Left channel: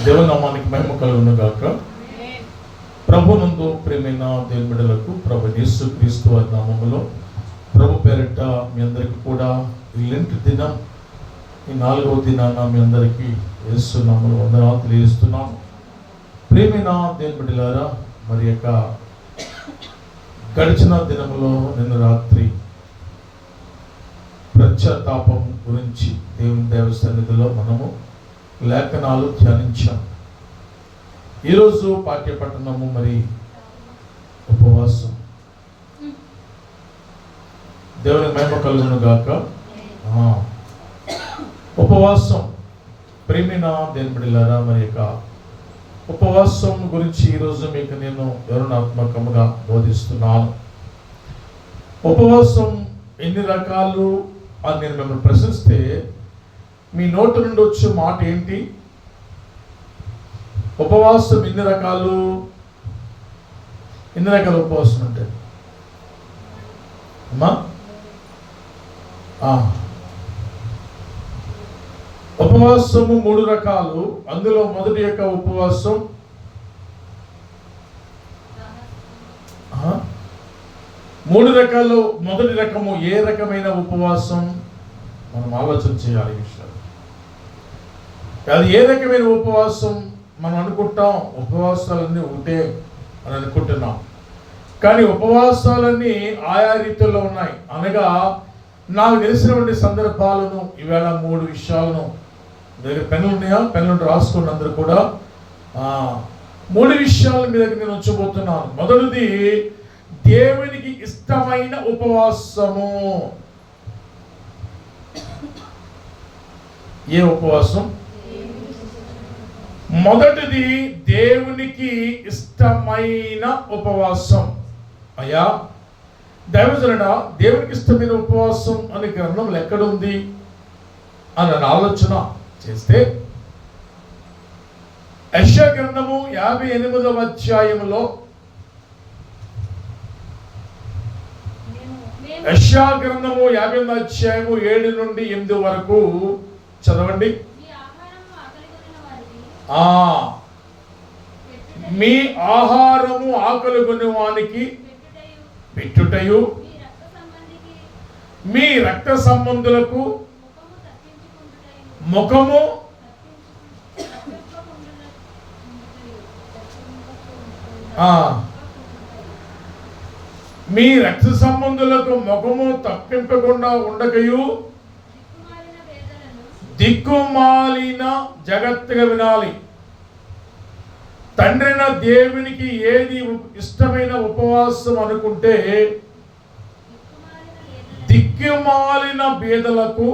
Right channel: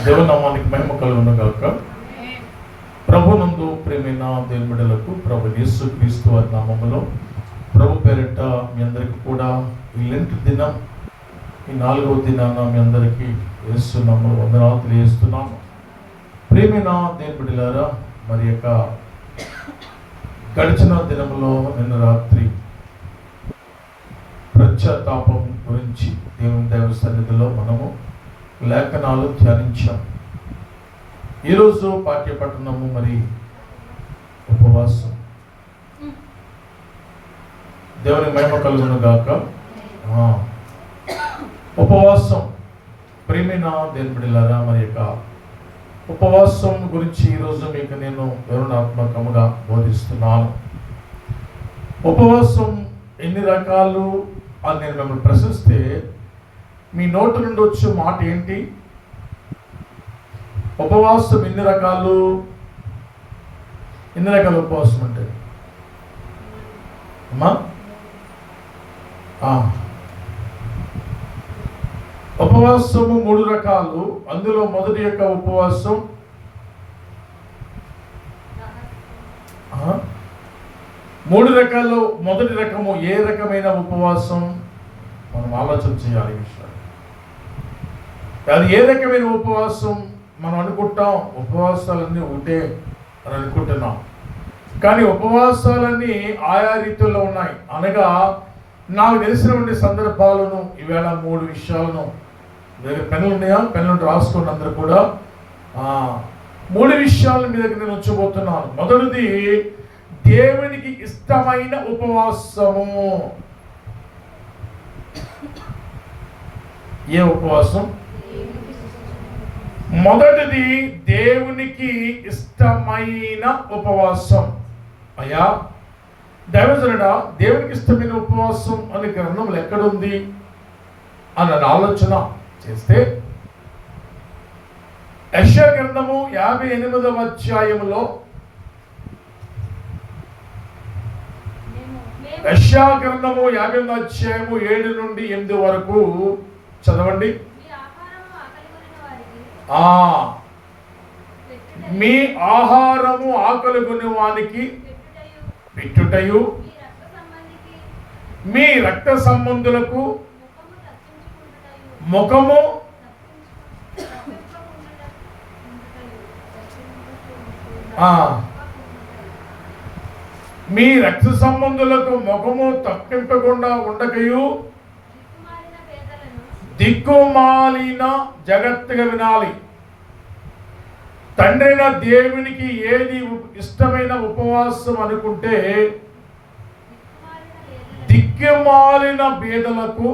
దేవనామానికి మహిమ కలుగును గాక. ప్రభునందు ప్రేమైన దేవుని బిడ్డలకు ప్రభు యేసుక్రీస్తు వారి నామములో ప్రభు పేరిట మీ అందరికీ కూడా ఈ లెంట్ దినం, ఈ 4వ దినాన మీ అందరికీ యేసు నామములో వందనాలు తెలియజేస్తున్నాము. ప్రేమైన దేవుని బిడ్డలారా, మరి యొక్క గడిచిన దినములో నిన్న రాత్రి పశ్చాత్తాపం గురించి దేవుని దైవ సన్నిధిలో మనము లేఖనాలు ధ్యానించాం. ఈరోజు పాఠ్యపట్టణము మరి ఉపవాసం. దేవుని మహిమ కలుగును గాక. ఉపవాసం ప్రేమిన దేవుని బిడ్డలారా, మరి యొక్క ఉపవాసం గురించి ఈరోజు మీకు నేను వివరణాత్మకముగా బోధిస్తున్నాను. ఉపవాసం ఎన్ని రకాలు అని నేను మిమ్మల్ని ప్రశ్నిస్తే మీ నోటి నుండి వచ్చే మాట ఏంటి? ఉపవాసం ఎన్ని రకాలు ఉపవాసం అంటే అమ్మా ఉపవాసము 3 రకాలు. అందులో మొదటి యొక్క ఉపవాసం మూడు రకాలు. మొదటి రకము ఏ రకమైన ఉపవాసం మనం ఆలోచన చేయాలి. విషయాలు అది ఏ రకమైన ఉపవాసం మనం అనుకుంటాం. ఉపవాసాలన్నీ ఒకటే అని అనుకుంటున్నాం, కానీ ఉపవాసాలన్నీ ఆయా రీతుల్లో ఉన్నాయి. అనగా నాకు తెలిసినటువంటి సందర్భాలను ఈవేళ 3 విషయాలను, దగ్గర పెన్నులు ఉన్నాయా? పెన్నులు రాసుకుని అందరూ కూడా 3 విషయాలను మీ దగ్గర నేను ఉంచబోతున్నాను. మొదటిది దేవునికి ఇష్టమైన ఉపవాసము. ఏ ఉపవాసం? మొదటిది దేవునికి ఇష్టమైన ఉపవాసం. అయ్యా దైవజనుడా, దేవునికి ఇష్టమైన ఉపవాసం అనే గ్రంథంలో ఎక్కడుంది అని ఆలోచన చేస్తే యెషయా గ్రంథము 58వ అధ్యాయంలో, యెషయా గ్రంథము 58వ అధ్యాయము 7 నుండి 8 వరకు చదవండి. మీ ఆహారము ఆకలిగొని వానికి పెట్టుటయు, మీ రక్త సంబంధులకు ముఖము మీ రక్త సంబంధులకు ముఖము తప్పింపకుండా ఉండకయు, దిక్కుమాలిన జగత్తుగా వినాలి. తండ్రైన దేవునికి ఏది ఇష్టమైన ఉపవాసం అనుకుంటే, దిక్కుమాలిన బీదలకు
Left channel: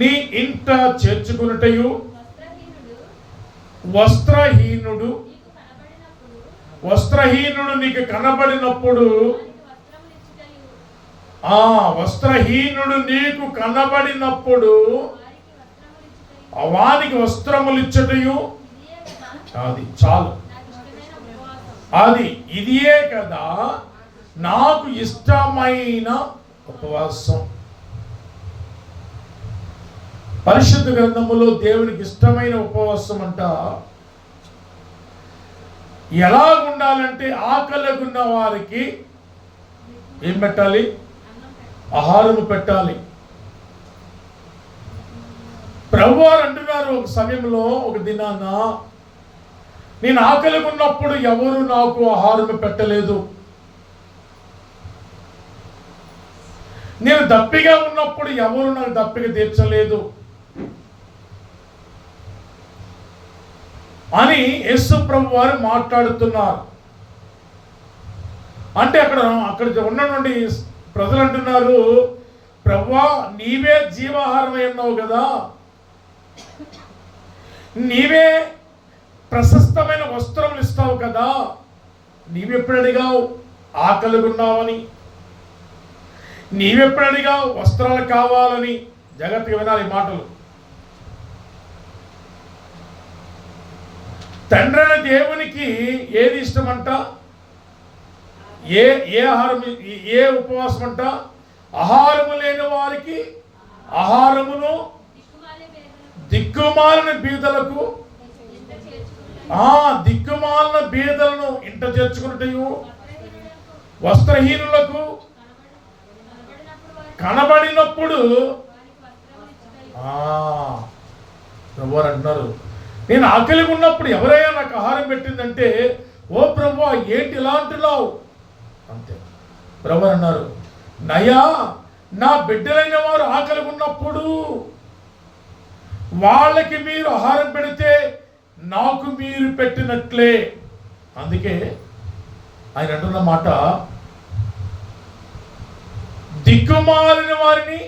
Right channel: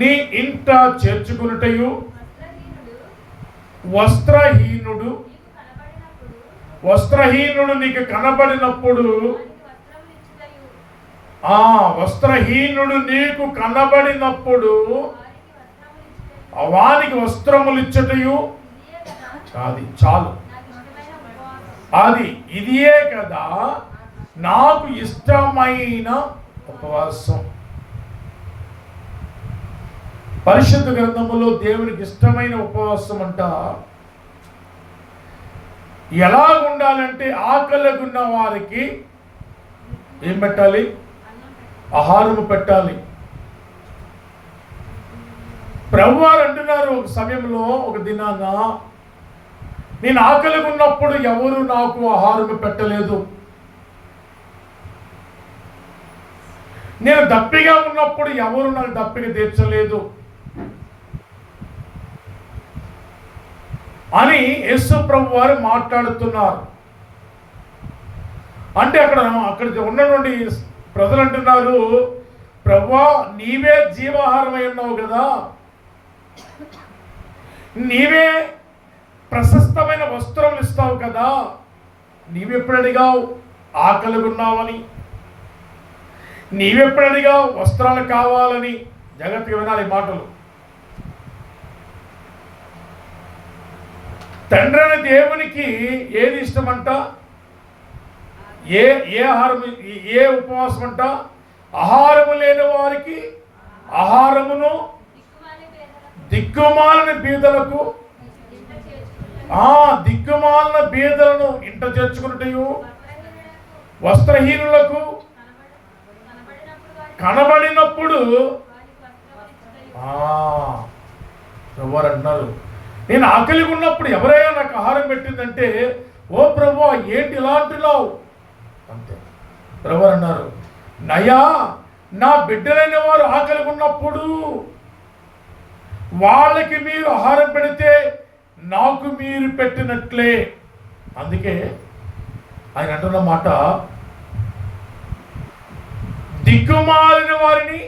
నీ ఇంట చేర్చుకునుటయు, వస్త్రహీనుడు నీకు కనబడినప్పుడు, వస్త్రహీనుడు నీకు కనబడినప్పుడు వానికి వస్త్రములు ఇచ్చటయు. అది చాలు. ఇదియే కదా నాకు ఇష్టమైన ఉపవాసం. పరిశుద్ధ గ్రంథములో దేవునికి ఇష్టమైన ఉపవాసం అంట ఎలా ఉండాలంటే, ఆకలిగున్న వారికి ఏం పెట్టాలి? ఆహారము పెట్టాలి. ప్రభువారు అంటున్నారు ఒక సమయంలో, ఒక దినాన, నేను ఆకలిగా ఉన్నప్పుడు ఎవరు నాకు ఆహారం పెట్టలేదు, నేను దప్పిగా ఉన్నప్పుడు ఎవరు నాకు దప్పిక తీర్చలేదు అని యేసు ప్రభు వారు మాట్లాడుతున్నారు. అంటే అక్కడ ఉన్నటువంటి ప్రజలు అంటున్నారు, ప్రభువా నీవే జీవాహారమై ఉన్నావు కదా, నీవే ప్రశస్తమైన వస్త్రములు ఇస్తావు కదా, నీవెప్పుడు అడిగావు ఆకలిగా ఉన్నావని, నీవెప్పుడు అడిగావు వస్త్రాలు కావాలని? జాగ్రత్తగా వినాలి మాటలు. తండ్రైన దేవునికి ఏది ఇష్టమంట? ఏ ఆహారం, ఏ ఉపవాసం అంట? ఆహారము లేని వారికి ఆహారమును, దిక్కుమాలిన బీదలకు దిక్కుమాలిన బీదలను ఇంట చేర్చుకున్నటయు, వస్త్రహీనులకు కనబడినప్పుడు ఎవరు అంటున్నారు, నేను ఆకలిగా ఉన్నప్పుడు ఎవరైనా నాకు ఆహారం పెట్టిందంటే, ఓ ప్రభు ఏంటి ఇలా అంటున్నావు అంతే. ప్రభు అన్నారు, నయా నా బిడ్డలైన వారు ఆకలిగా ఉన్నప్పుడు వాళ్ళకి మీరు ఆహారం పెడితే నాకు మీరు పెట్టినట్లే. అందుకే ఆయన అంటున్న మాట, దిక్కుమాలిన వారిని,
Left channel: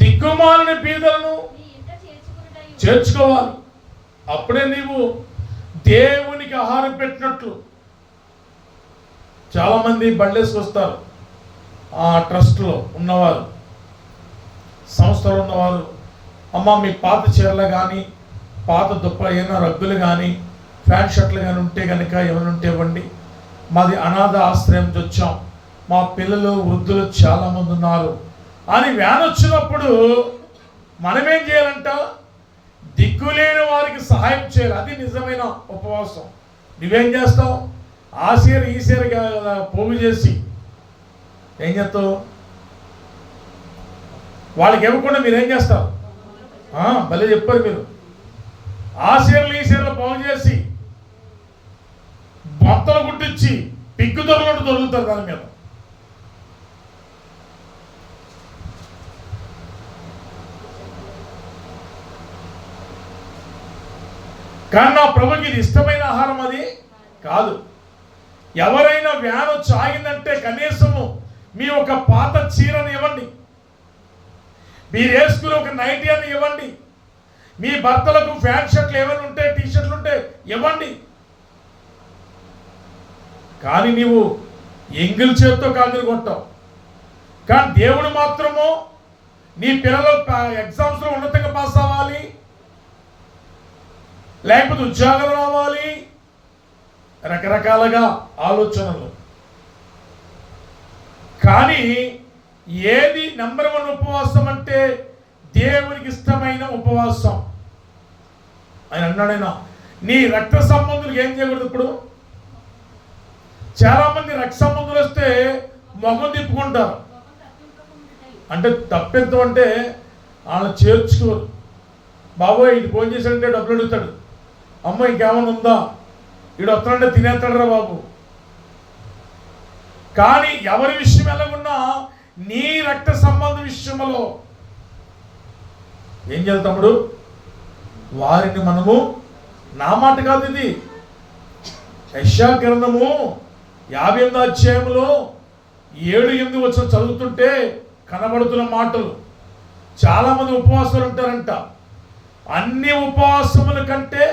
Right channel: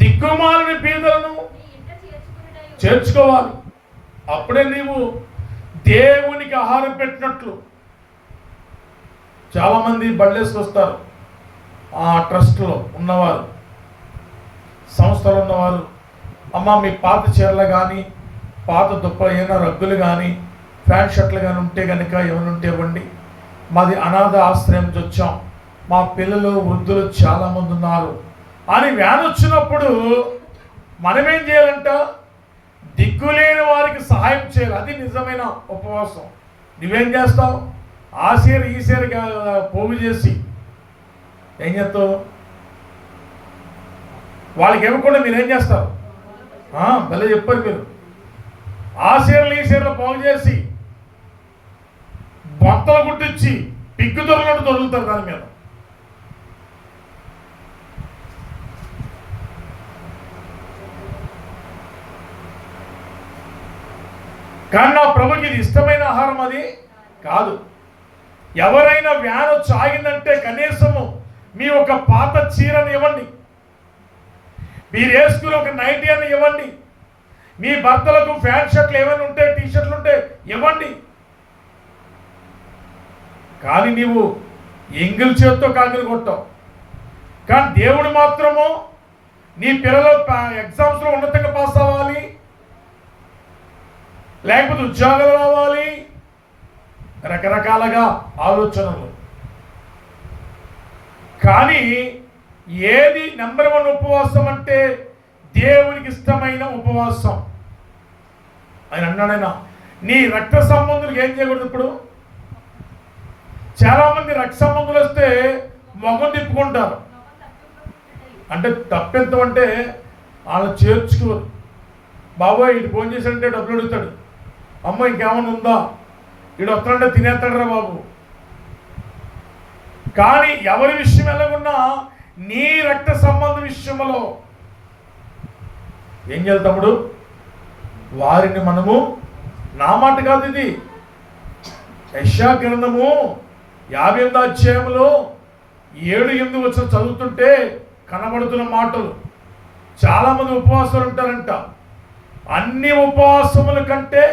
దిక్కుమాలిన బీదలను చేర్చుకోవాలి. అప్పుడే నీవు దేవునికి ఆహారం పెట్టినట్లు. చాలామంది బళ్ళేసుకొస్తారు, ఆ ట్రస్ట్లో ఉన్నవారు, సంస్థలో ఉన్నవారు, అమ్మ మీ పాత చీరలు కానీ, పాత దుప్ప ఏమైనా రగ్గులు కానీ, ప్యాంట్ షర్ట్లు కానీ ఉంటే కనుక ఏమైనా ఉంటే ఇవ్వండి, మాది అనాథ ఆశ్రయం నుంచి వచ్చాం, మా పిల్లలు వృద్ధులు చాలామంది ఉన్నారు అని వ్యాన్ వచ్చినప్పుడు మనమేం చేయాలంట, దిక్కులేని వారికి సహాయం చేయాలి. అది నిజమైన ఉపవాసం. నువ్వేం చేస్తావు, ఆ సీర ఈ సీర పోగు చేసి ఏం చేస్తావు, వాళ్ళకి ఇవ్వకుండా మీరేం చేస్తారు, భలే చెప్పారు మీరు, ఆ సీరలు ఈ సీరలు పోగు చేసి బొత్తలు గుట్టించి పిగ్గు దొరలట్టు దొరుకుతారు దాని మీద. కానీ నా ప్రభుకి ఇది ఇష్టమైన ఆహారం అది కాదు. ఎవరైనా వ్యాన్ వచ్చి ఆగిందంటే కనీసము మీ ఒక పాత చీరను ఇవ్వండి, మీరు వేసుకుని ఒక నైటీ అని ఇవ్వండి, మీ భర్తలకు ప్యాంట్ షర్ట్లు ఏమైనా ఉంటే, టీ షర్ట్లు ఉంటే ఇవ్వండి. కానీ నీవు ఎంగిల్ చేత్తో కాకిరి కొట్టావు. కానీ దేవుడు మాత్రము నీ పిల్లలు ఎగ్జామ్స్లో ఉన్నతంగా పాస్ అవ్వాలి, లేకపోతే ఉద్యోగం రావాలి, రకరకాలుగా ఆలోచనలు. కానీ ఏది నెంబర్ 1 ఉపవాసం అంటే దేవునికి ఇష్టమైన ఉపవాసం. ఆయన అన్నాడైనా, నీ రక్త సంబంధులకు ఏం చేయకూడదు. ఇప్పుడు చాలామంది రక్త సంబంధులు వస్తే మొహం తిప్పుకుంటారు. అంటే తప్పెంత అంటే వాళ్ళని చేర్చుకోరు. బాబోయ్ ఇటు ఫోన్ చేశాడంటే డబ్బులు అడుగుతాడు, అమ్మ ఇంకేమన్నా ఉందా, ఇడు వస్తాడంటే తినేస్తాడరా బాబు. కానీ ఎవరి విషయం ఎలాగున్నా నీ రక్త సంబంధ విషయంలో ఏం చేయాలి తమ్ముడు, వారిని మనము, నా మాట కాదు ఇది, యెషయా గ్రంథము 58వ అధ్యాయంలో 7-8 వచ్చిన చదువుతుంటే కనబడుతున్న మాటలు. చాలామంది ఉపవాసాలు ఉంటారంట. అన్ని ఉపవాసముల కంటే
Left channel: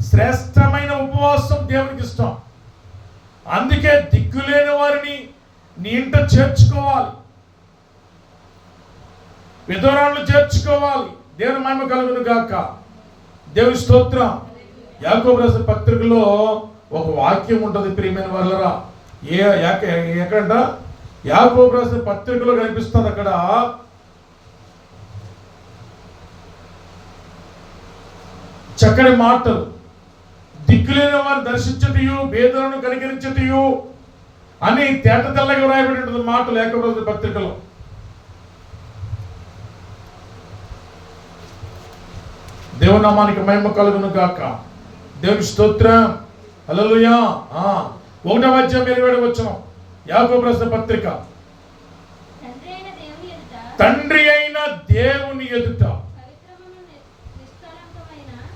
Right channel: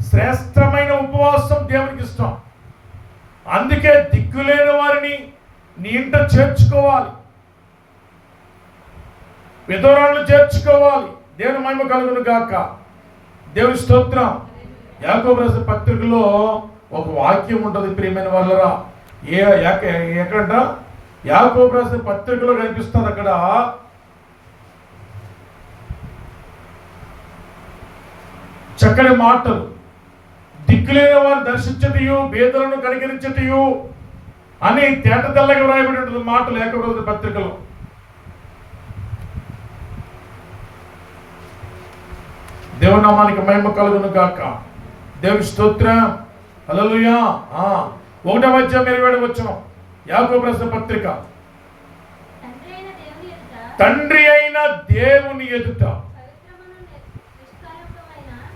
శ్రేష్టమైన ఉపవాసం దేవునికి ఇష్టం. అందుకే దిక్కులేని వారిని నీ ఇంట చేర్చుకోవాలి, విధవరాలను చేర్చుకోవాలి. దేవుని మహిమ కలుగును గాక. దేవుని స్తోత్రం. యాకోబు రాసిన పత్రికలో ఒక వాక్యం ఉంటుంది ప్రియమైన వాళ్ళరా. ఎక్కడంట, యాకోబు రాసిన పత్రికలో కనిపిస్తుంది. అక్కడ చక్కని మాటలు, దిక్కులేని వారిని దర్శించటయు, బేదలను కనికరించటయు అని తేట తెల్లగా వ్రాయబడి ఉంటుంది మాటలు యాకోబు రాసిన పత్రికలో. దేవుని నామానికి మహిమ కలుగును గాక. దేవుని స్తోత్రం. హల్లెలూయా. 1వ అధ్యాయం 27వ వచనం యాకోబు రాసిన పత్రిక. తండ్రి అయిన దేవుని ఎదుట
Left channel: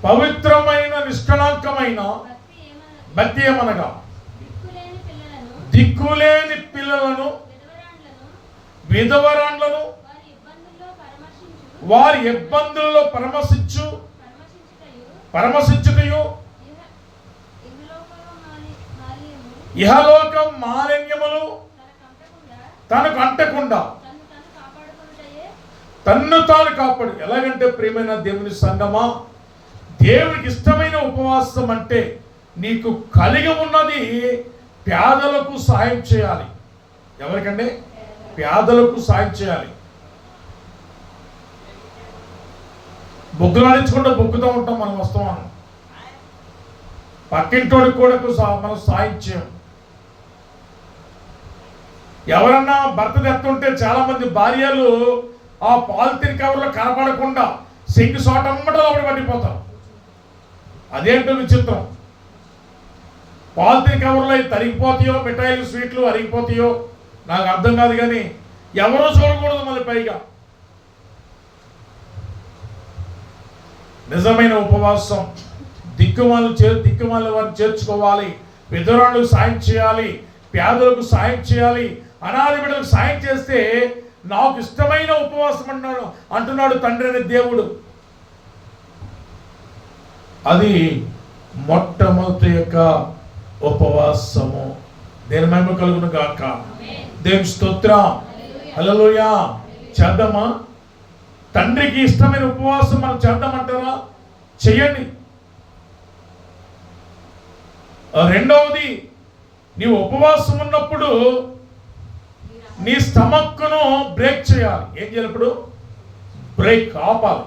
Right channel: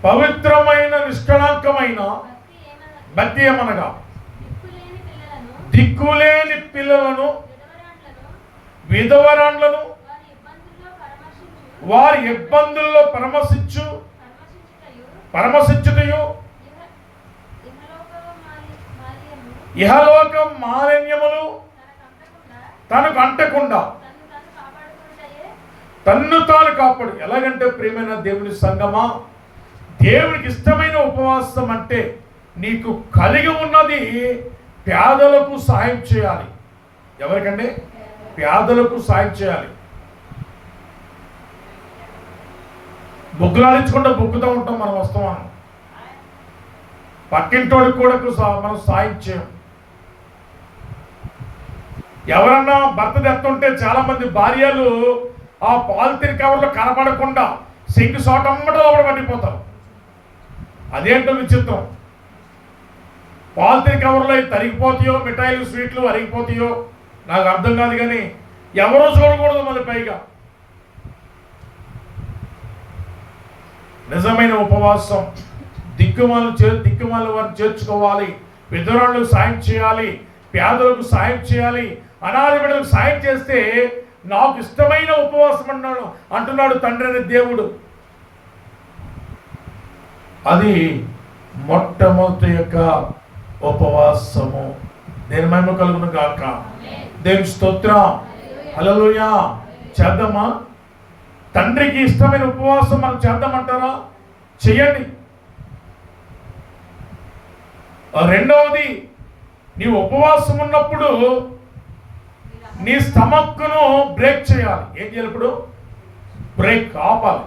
పవిత్రమైన నిష్కళంకమైన భక్తి ఏమనగా, దిక్కులేని పిల్లలను, విధవరాండ్లను వారి ఇబ్బందుల్లో పరమశించుటయు ఇహలోక మాలిన్యములు తనకు అంటకుండా తన్ను తాను కాపాడు. ఎలాగంటే ప్రియమైన దేవుని సంగమా, దేవునికి ఇష్టమైన ఉపవాసం అంటే నీకు కలిగి ఉన్నది పేదలకు సాయం చేయాలి. ఎవరికంటే పేదలకు సాయం చేయాలి. బుక్కులాడించుకుంటూ బుక్కుతూ ఉంటాం మనం వస్తామని. పక్కింటోడికి కూడా మనం సాయం చేయం. ఎవరన్నా భర్త తెస్తుంటే చాలా మంది భార్యలు ఆ పాలిథిన్ కవర్లో కనపడకుండా సింక్ సోటమ్మట లోపల పడిపోతారు. అదేంటో విచిత్రం. పాలిథిన్ కవర్లో తరిగిపోతాయో, మిఠాయిలు స్వీట్లు అరిగిపోతాయో నాకు అర్థం కాదు, కానీ ఎవరూ చూడకూడదు మళ్ళీ. పైగా నిజమైన ఉపవాసం దిక్కుమాల వారిని చేర్చుకోవాలి, విధవరాళ్ళకు సాయం చేయాలి, పేదలకు సాయం చేయాలి, అనాథ బిడ్డలకు సాయం చేస్తే నాకు ఇష్టమైన ఉపవాసం అంటున్నాడు తండ్రి అనే దేవుడు. అది మొట్టమొదటి యొక్క ఉపవాసము. దేని మహిమ కలుగును గాక. దేవుని స్తోత్రం. హల్లెలూయా. చేద్దామా? తండ్రికి ఇష్టమైన ఉపవాసం మనం చేద్దామంటారా? చెయ్యండి. రెండవది, నీవు ఉపవాసం ఉన్నప్పుడు నీ స్టమక్ను బ్రేక్ చేయాలి. ఏం చేయాలి? ఇప్పుడు బ్రేక్ ఆపాలి.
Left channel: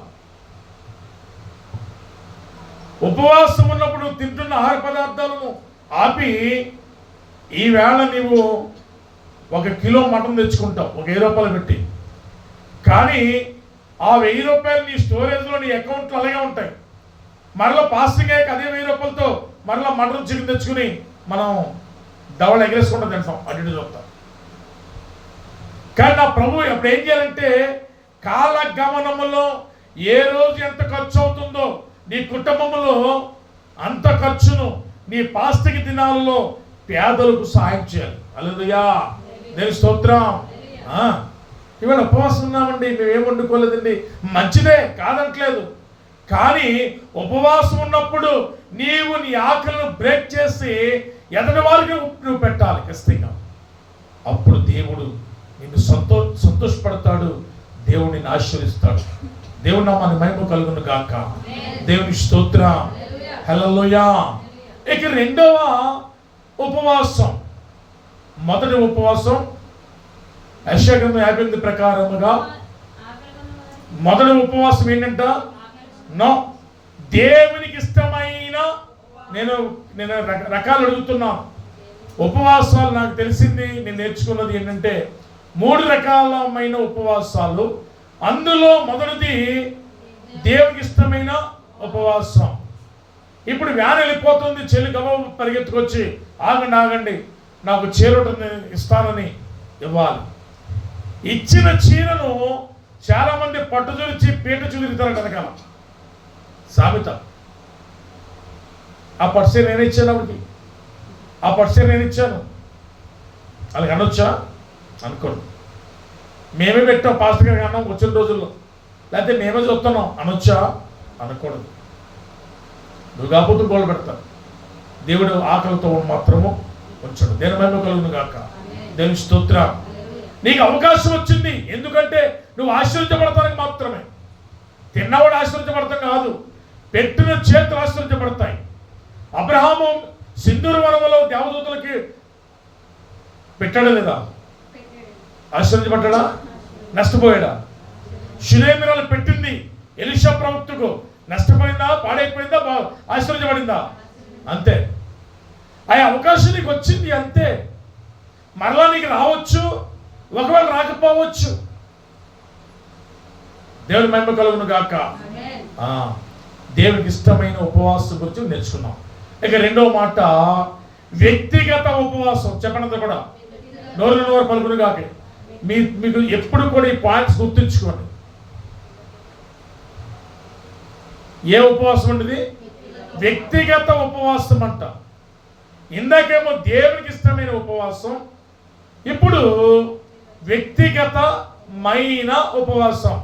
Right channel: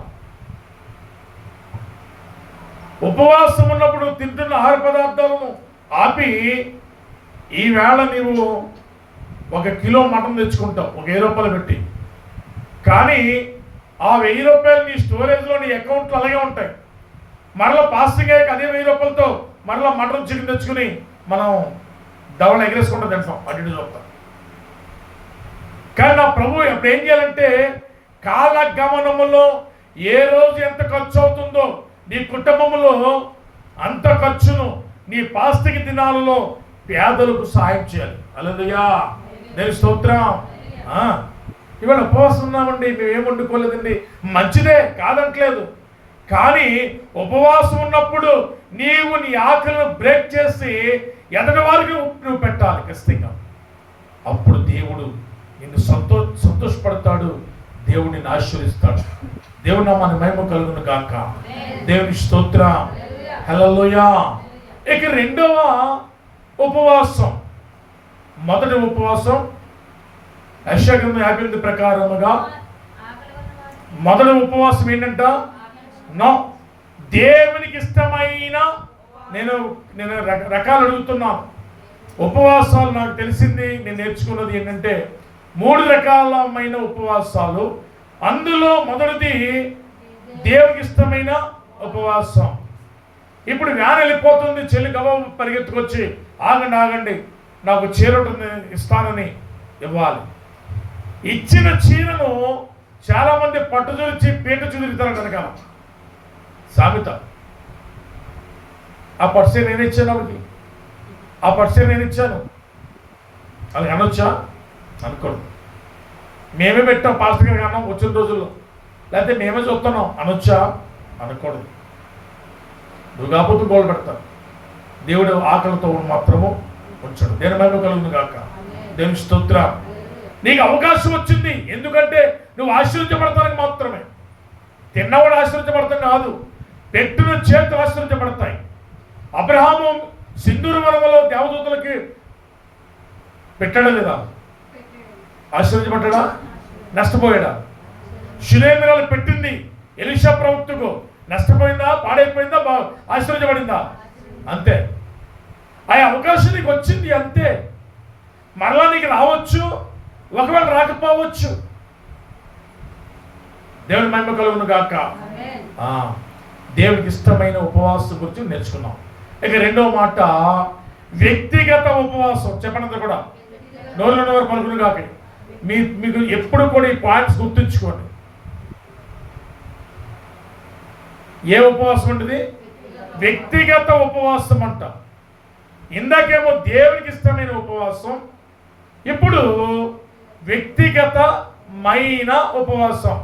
ఉపవాసం ఉన్నప్పుడు తింటున్న ఆహార పదార్థాలను ఆపి, ఈవేళ నీవు 1 కిలో మటన్ తెచ్చుకుంటావు 1000 రూపాయలు పెట్టి, కానీ ఆ 1000 రూపాయలు నీ స్టోరేజ్లో నీ అకౌంట్లో అలాగే ఉంటాయి. మరలా పాస్టింగ్ అయ్యాక అదే 1000 రూపాయలతో మరలా మటన్ చికెన్ తెచ్చుకుని మనం దవడ ఎగరేసుకుంటూ తింటాం, అటు ఇటు చూస్తాం. కానీ నా ప్రభు అప్పుడు ఏం చేయాలంటే, కాలగమనములో ఏ రోజు ఎంత ఖర్చు అవుతుందో నీ కుటుంబంలో అంత ఖర్చును నీ పాస్టింగ్ దినాలలో పేదలకు సాయం చేయాలి. హల్లెలూయా. దేవుని స్తోత్రం. ఇవాళ ఉపవాసం ఉన్నామండి, మేమేం వండుకోలేదండి, మంచిదే, కాదట్లేదు. కానీ ఉపవాసం ఉన్నప్పుడు నీవు నీ ఆకలిని బ్రేక్ చేసి ఎదటి వారికి నువ్వు పెట్టాలి ఖచ్చితంగా. అప్పుడు దేవుడు నిన్ను సంతోషపడతాడు, దేవుడు నిన్ను ఆశీర్వదిస్తాడు. దేవుని నామానికి మహిమ కలుగును గాక. దేవుని స్తోత్రం. హల్లెలూయా. ఇక రెండవ ఉపవాసం. మొదటి ఉపవాసం యెషయా గ్రంథం 58 ప్రకారముగా మొదటి ఉపవాసం ఏంటంట? దేవునికి ఇష్టమైన, నేను రకాలు అడుగుతున్నాను. ఉపవాసాలు నాకు తెలిసింది, నేను నేర్చుకున్నది ఏంటంటే 3 రకాలమైన ఉపవాసాలు. అందులో మొదటిది దేవునికి ఇష్టమైన ఉపవాసం. ఇప్పుడు వ్యాన్ వెళ్ళిపోతుంది, చెల్లి గబా పరిగెత్తుకొచ్చి ఆగండి నాకు చీర ఇస్తానని ఇవ్వాలి. ఇచ్చిన చీరను చాలామంది పట్టు చూచి పీట చూదిరుతారంట వెనకాల. సామెత. ఆ పర్సే నేను ఇచ్చాను, అప్పటికి ఆ పర్సే నేను ఇచ్చాను వాళ్ళకి అనొచ్చా? అనుకోండి. మేమే పెట్టాం పాస్టర్ గారికి అన్నాం వచ్చిన రోజుల్లో, లేకపోతే మేమే చూస్తున్నాం అనొచ్చా? అనకూడదు. నువ్వు కాకపోతే గోల్ పెడతావు. దేవుడు ఆకలితో మాత్రము ఉంచడు. దేని మహిమ కలుగును గాక. దేవుని స్తోత్రం. నీకు అవకాశం వచ్చింది, ఎందుకంటే నువ్వు ఆశీర్వదించబడతానికి మాత్రమే. తిన్నవాడు ఆశీర్వదించబడతాం కాదు, పెట్టిన చేతులు ఆశీర్వదించబడతాయి. అబ్రహాము సింధూర వనములో దేవదూతలకి పెట్టాడా లేదా? ఆశీర్వదించబడ్డా? నష్టపోయాడా? శిలేమిరాలు పెట్టింది ఎలీషా ప్రవక్తకు, నష్టపోయిందా? పాడైపోయిందా? ఆశీర్వదించబడిందా? అంతే. ఆ అవకాశం నీకు వచ్చింది, అంతే. మరలా నీకు రావచ్చు, ఒకవేళ రాకపోవచ్చు. దేవుని మహిమ కలుగును గాక. దేవునికి ఇష్టమైన ఉపవాసం గురించి నేర్చుకున్నాం. ఇక రెండవ మాట వ్యక్తిగత ఉపవాసం. చెప్పండి కూడా నోరు పలుకును గాక. మీకు ఎప్పుడు కూడా ఈ పాయింట్స్ గుర్తుంచుకోండి. ఏ ఉపవాసం ఉంటుంది? వ్యక్తిగత ఉపవాసం అంట. ఇందాకేమో దేవునికి ఇష్టమైన ఉపవాసం, ఇప్పుడు వ్యక్తిగతమైన ఉపవాసం.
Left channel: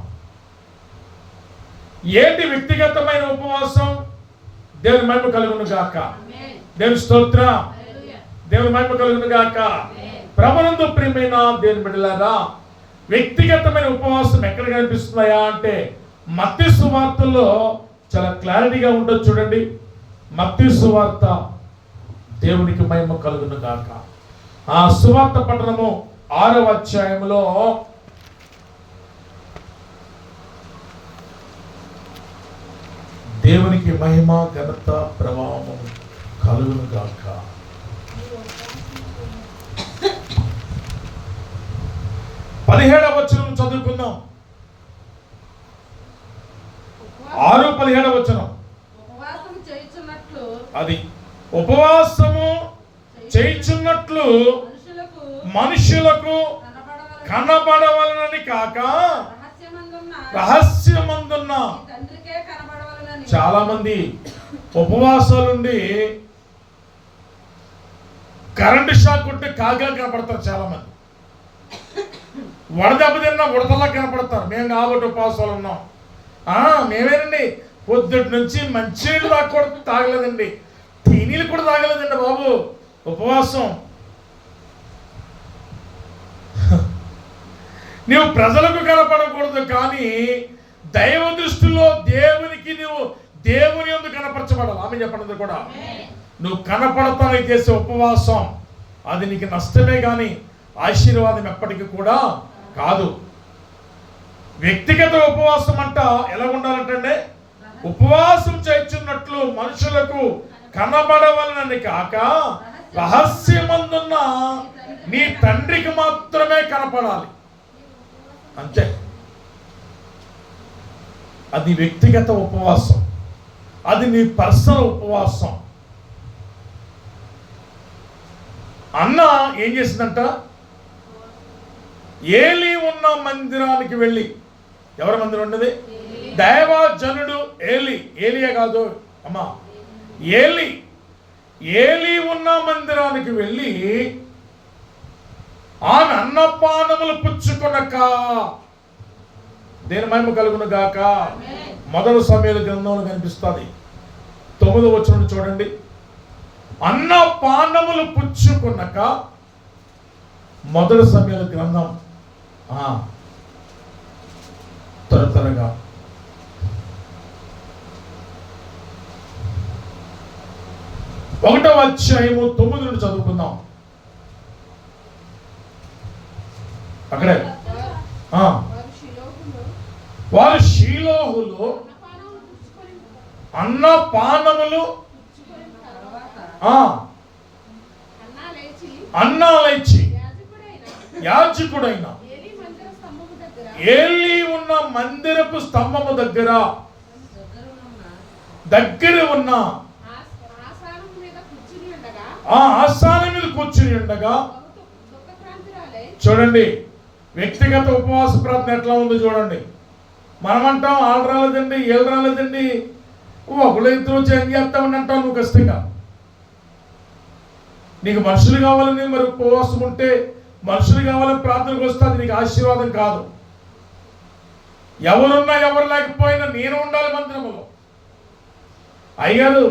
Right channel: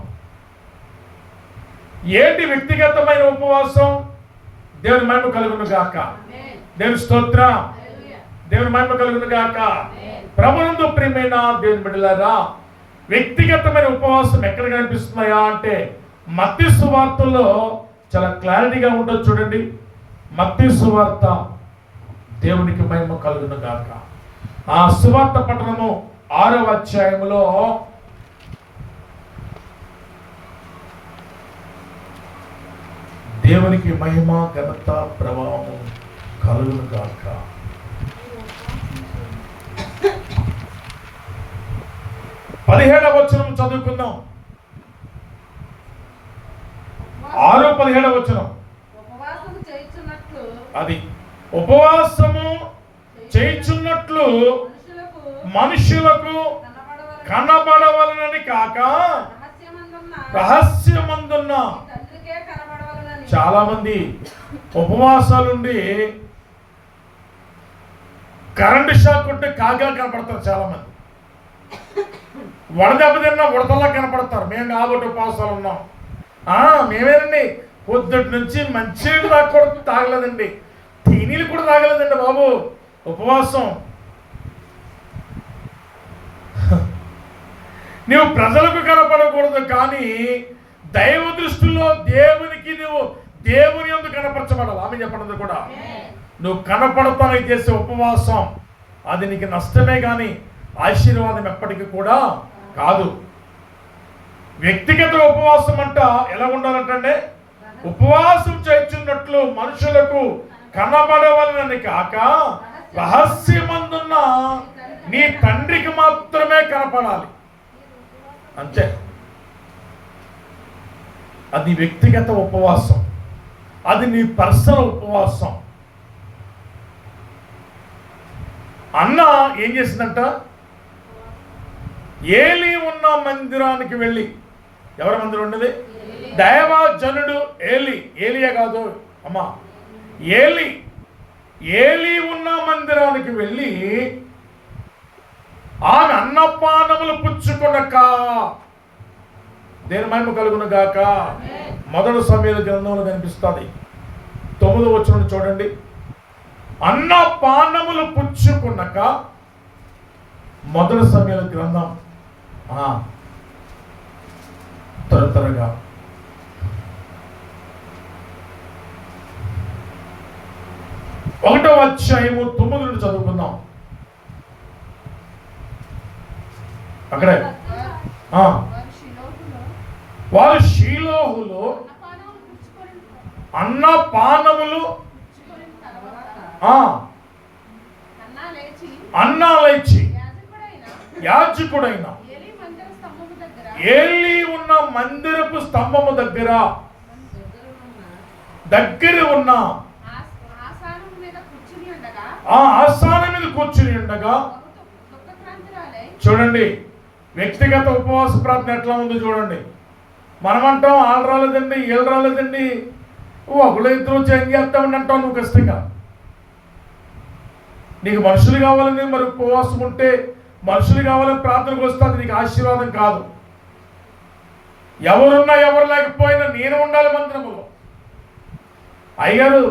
ఏంటి వ్యక్తిగతమైన ఉపవాసం? దేవుని మహిమ కలుగును గాక. దేవుని స్తోత్రం. దేవుని మహిమ కలుగును గాక. ప్రభునందు ప్రియమైన దేవుని బిడ్డలారా, వ్యక్తిగతమైన ఉపవాసం ఎక్కడ కనిపిస్తున్నాయా అంటే మత్తయి సువార్తలో చాలా క్లారిటీగా ఉంటుంది. చూడండి, మత్తయి సువార్త. దేవునికి మహిమ కలుగును గాక. ఆ సువార్త పట్టణము 6వ అధ్యాయములో దేవునికి మహిమ ఘనత ప్రభావము కలుగును గాక. 17వ వచనం చదువుకుందాం. 6:17 వచనం. అది ఉపవాసము చేయుచున్నట్లు మనుషులకు కనబడవలనని కాక రహస్యమందున్న. చాలా మంది ఉపవాసాలుండి కరెంటు షాక్ కొట్టి కాగా కనపడతారు. చాలా మంది వడదెబ్బ తిన్నా ఉడతలా కనపడతారు. మేము కాబట్టి ఉపవాసాలు ఉన్నాం. మేమేనండి పొద్దుటి నుంచి మంచినీళ్ళు తాగకూడదు, తాగలేదండి, తీనీళ్ళు కూడా తాగలేదండి బాబు. ఉపవాసం. నువ్వు ప్రజలకు కనపడకూడదు, కానీ దైవ దృష్టిలో దేవునికి నువ్వు దేవుని యందు కనపరచబడాలి. ఆమె చెప్పండి కూడా. నువ్వు కనపడతానని చేసే ఉపవాసం అది నీకు నష్టమే కానీ ఆశీర్వాదం ఎప్పటికీ కూడా కాదు. వ్యక్తిగత ఉపవాసం అంట ఎలా ఉండాలంటే, ఉపవాసం చేయుచున్నట్లు మనుషులకు కనబడవలనని కాక రహస్యమందున్న నీ తండ్రికి మాత్రమే కనపడాలి. అంతే. అది వ్యక్తిగత ఉపవాసం, అది నీ పర్సనల్ ఉపవాసం. అన్న ఏం చేసిందంట, ఏలి ఉన్న మందిరానికి వెళ్ళి. ఎవరి మందిరం ఉన్నది? దైవజనుడు ఏలియా కాదు అమ్మా, ఏలి ఉన్న మందిరానికి వెళ్ళి ఆమె అన్నపానములు పుచ్చుకొనక. దేని మహిమ కలుగును గాక. మొదటి సమూయేలు గ్రంథంలో కనిపిస్తుంది. 9వ వచనం చూడండి. అన్నపానములు పుచ్చుకొనక. మొదటి సమూయేలు గ్రంథం త్వరగా 1వ అధ్యాయము 9 నుండి చదువుకుందాం. అక్కడే వారు షీలోహులో అన్నపానములు అన్నా లేచి యాజకుడైన ఏలి ఉన్న మందిరపు స్తంభము దగ్గర ఉన్న ఆసనం మీద కూర్చుని ఉండగా. చూడండి, వ్యక్తిగత ఉపవాస ప్రార్థన ఎట్లా ఉందో చూడండి. మనమంటాం వాళ్ళు రాలేదండి, వీళ్ళు రాలేదండి, ఒకళ్ళు ఇద్దరు చేంజ్ చేస్తామని అంటావు నువ్వు కష్టంగా. నీకు మనుషులు కావాలని మరి ఉపవాసం ఉంటే, మనుషులు కావాలని ప్రార్థనకు వస్తే అది నీకు ఆశీర్వాదం కాదు. ఎవరున్నా ఎవరు లేకపోయినా నేను ఉండాలి మందిరములో. అయ్యారు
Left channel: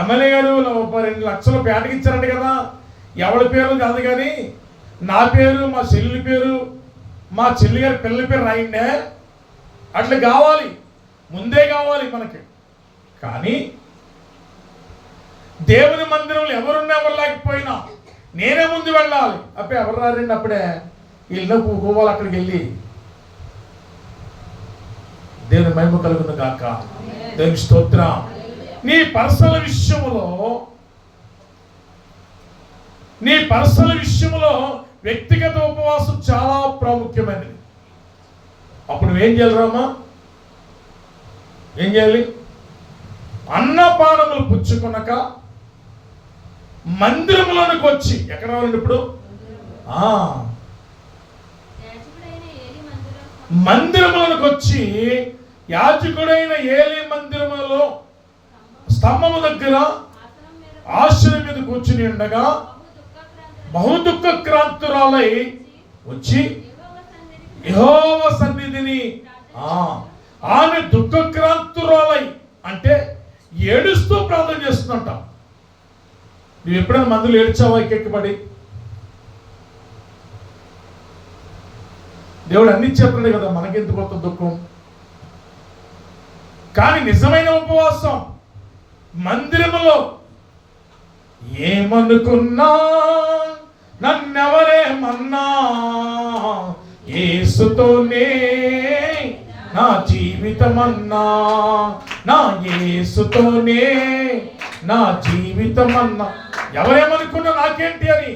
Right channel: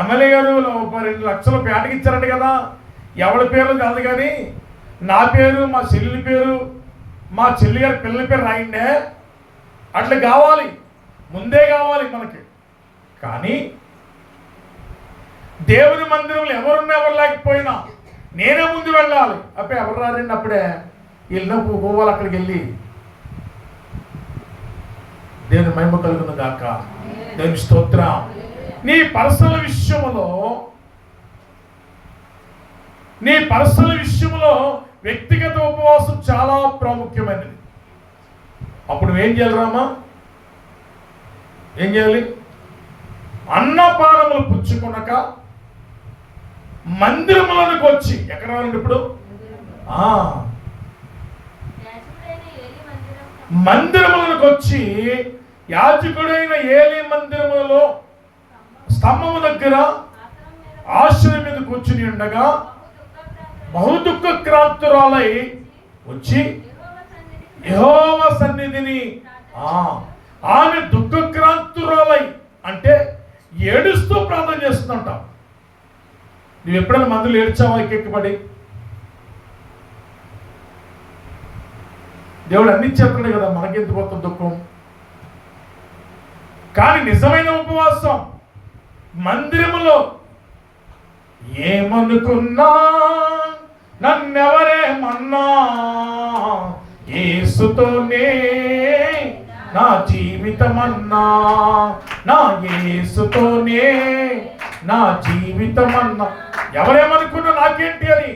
ఎమ్మెల్యే గారు 2 లక్షలు పేటకి ఇచ్చారంట కదా, ఎవరి పేరు కాదు కానీ నా పేరు, మా చెల్లి పేరు, మా చెల్లి గారి పిల్లల పేరు రాయండే. అట్లా కావాలి, ముందే కావాలి మనకి. కానీ దేవుని మందిరంలో ఎవరున్నా ఎవరు లేకపోయినా నేనే ముందు వెళ్ళాలి. అప్పుడే ఎవరు రారండి, అప్పుడే వీళ్ళ పోవాలి అక్కడికి వెళ్ళి. దేవుని మహిమ కలుగును గాక. దేవుని స్తోత్రం. నీ పర్సనల్ విషయంలో వ్యక్తిగత ఉపవాసం చాలా ప్రాముఖ్యమైనది. అప్పుడు నువ్వేం చేయాలి రామా? ఏం చేయాలి? అన్నపానములు పుచ్చుకొనక మందిరములకు వచ్చి. ఎక్కడ రావాలండి ఇప్పుడు? మందిరములకు వచ్చి యాజకుడైన ఏలి మందిరములో స్తంభము దగ్గర ఆశ్రయం మీద కూర్చుని ఉండగా బహు దుఃఖక్రాంతురాలై వచ్చి యెహోవా సన్నిధిని. ఆమె దుఃఖక్రాంతురాలై అంటే ఏడుస్తూ ప్రార్థన చేస్తుందంట. నువ్వు ఎప్పుడైనా మందులు ఏడ్చావా ఎక్కెక్కబడి? దేవుడు అన్ని చెప్పాడు కదా, మనకెందుకు కొత్త దుఃఖం. కానీ నిజమైన ఉపవాసం మందిరములో ఏమనుకున్నా నన్నెవరేమన్నా యేసుతోనే నా జీవితమన్నా నా యేసుతోనే నా జీవితమన్నా. ఎవరేమనుకున్నా నాకేంటి అని.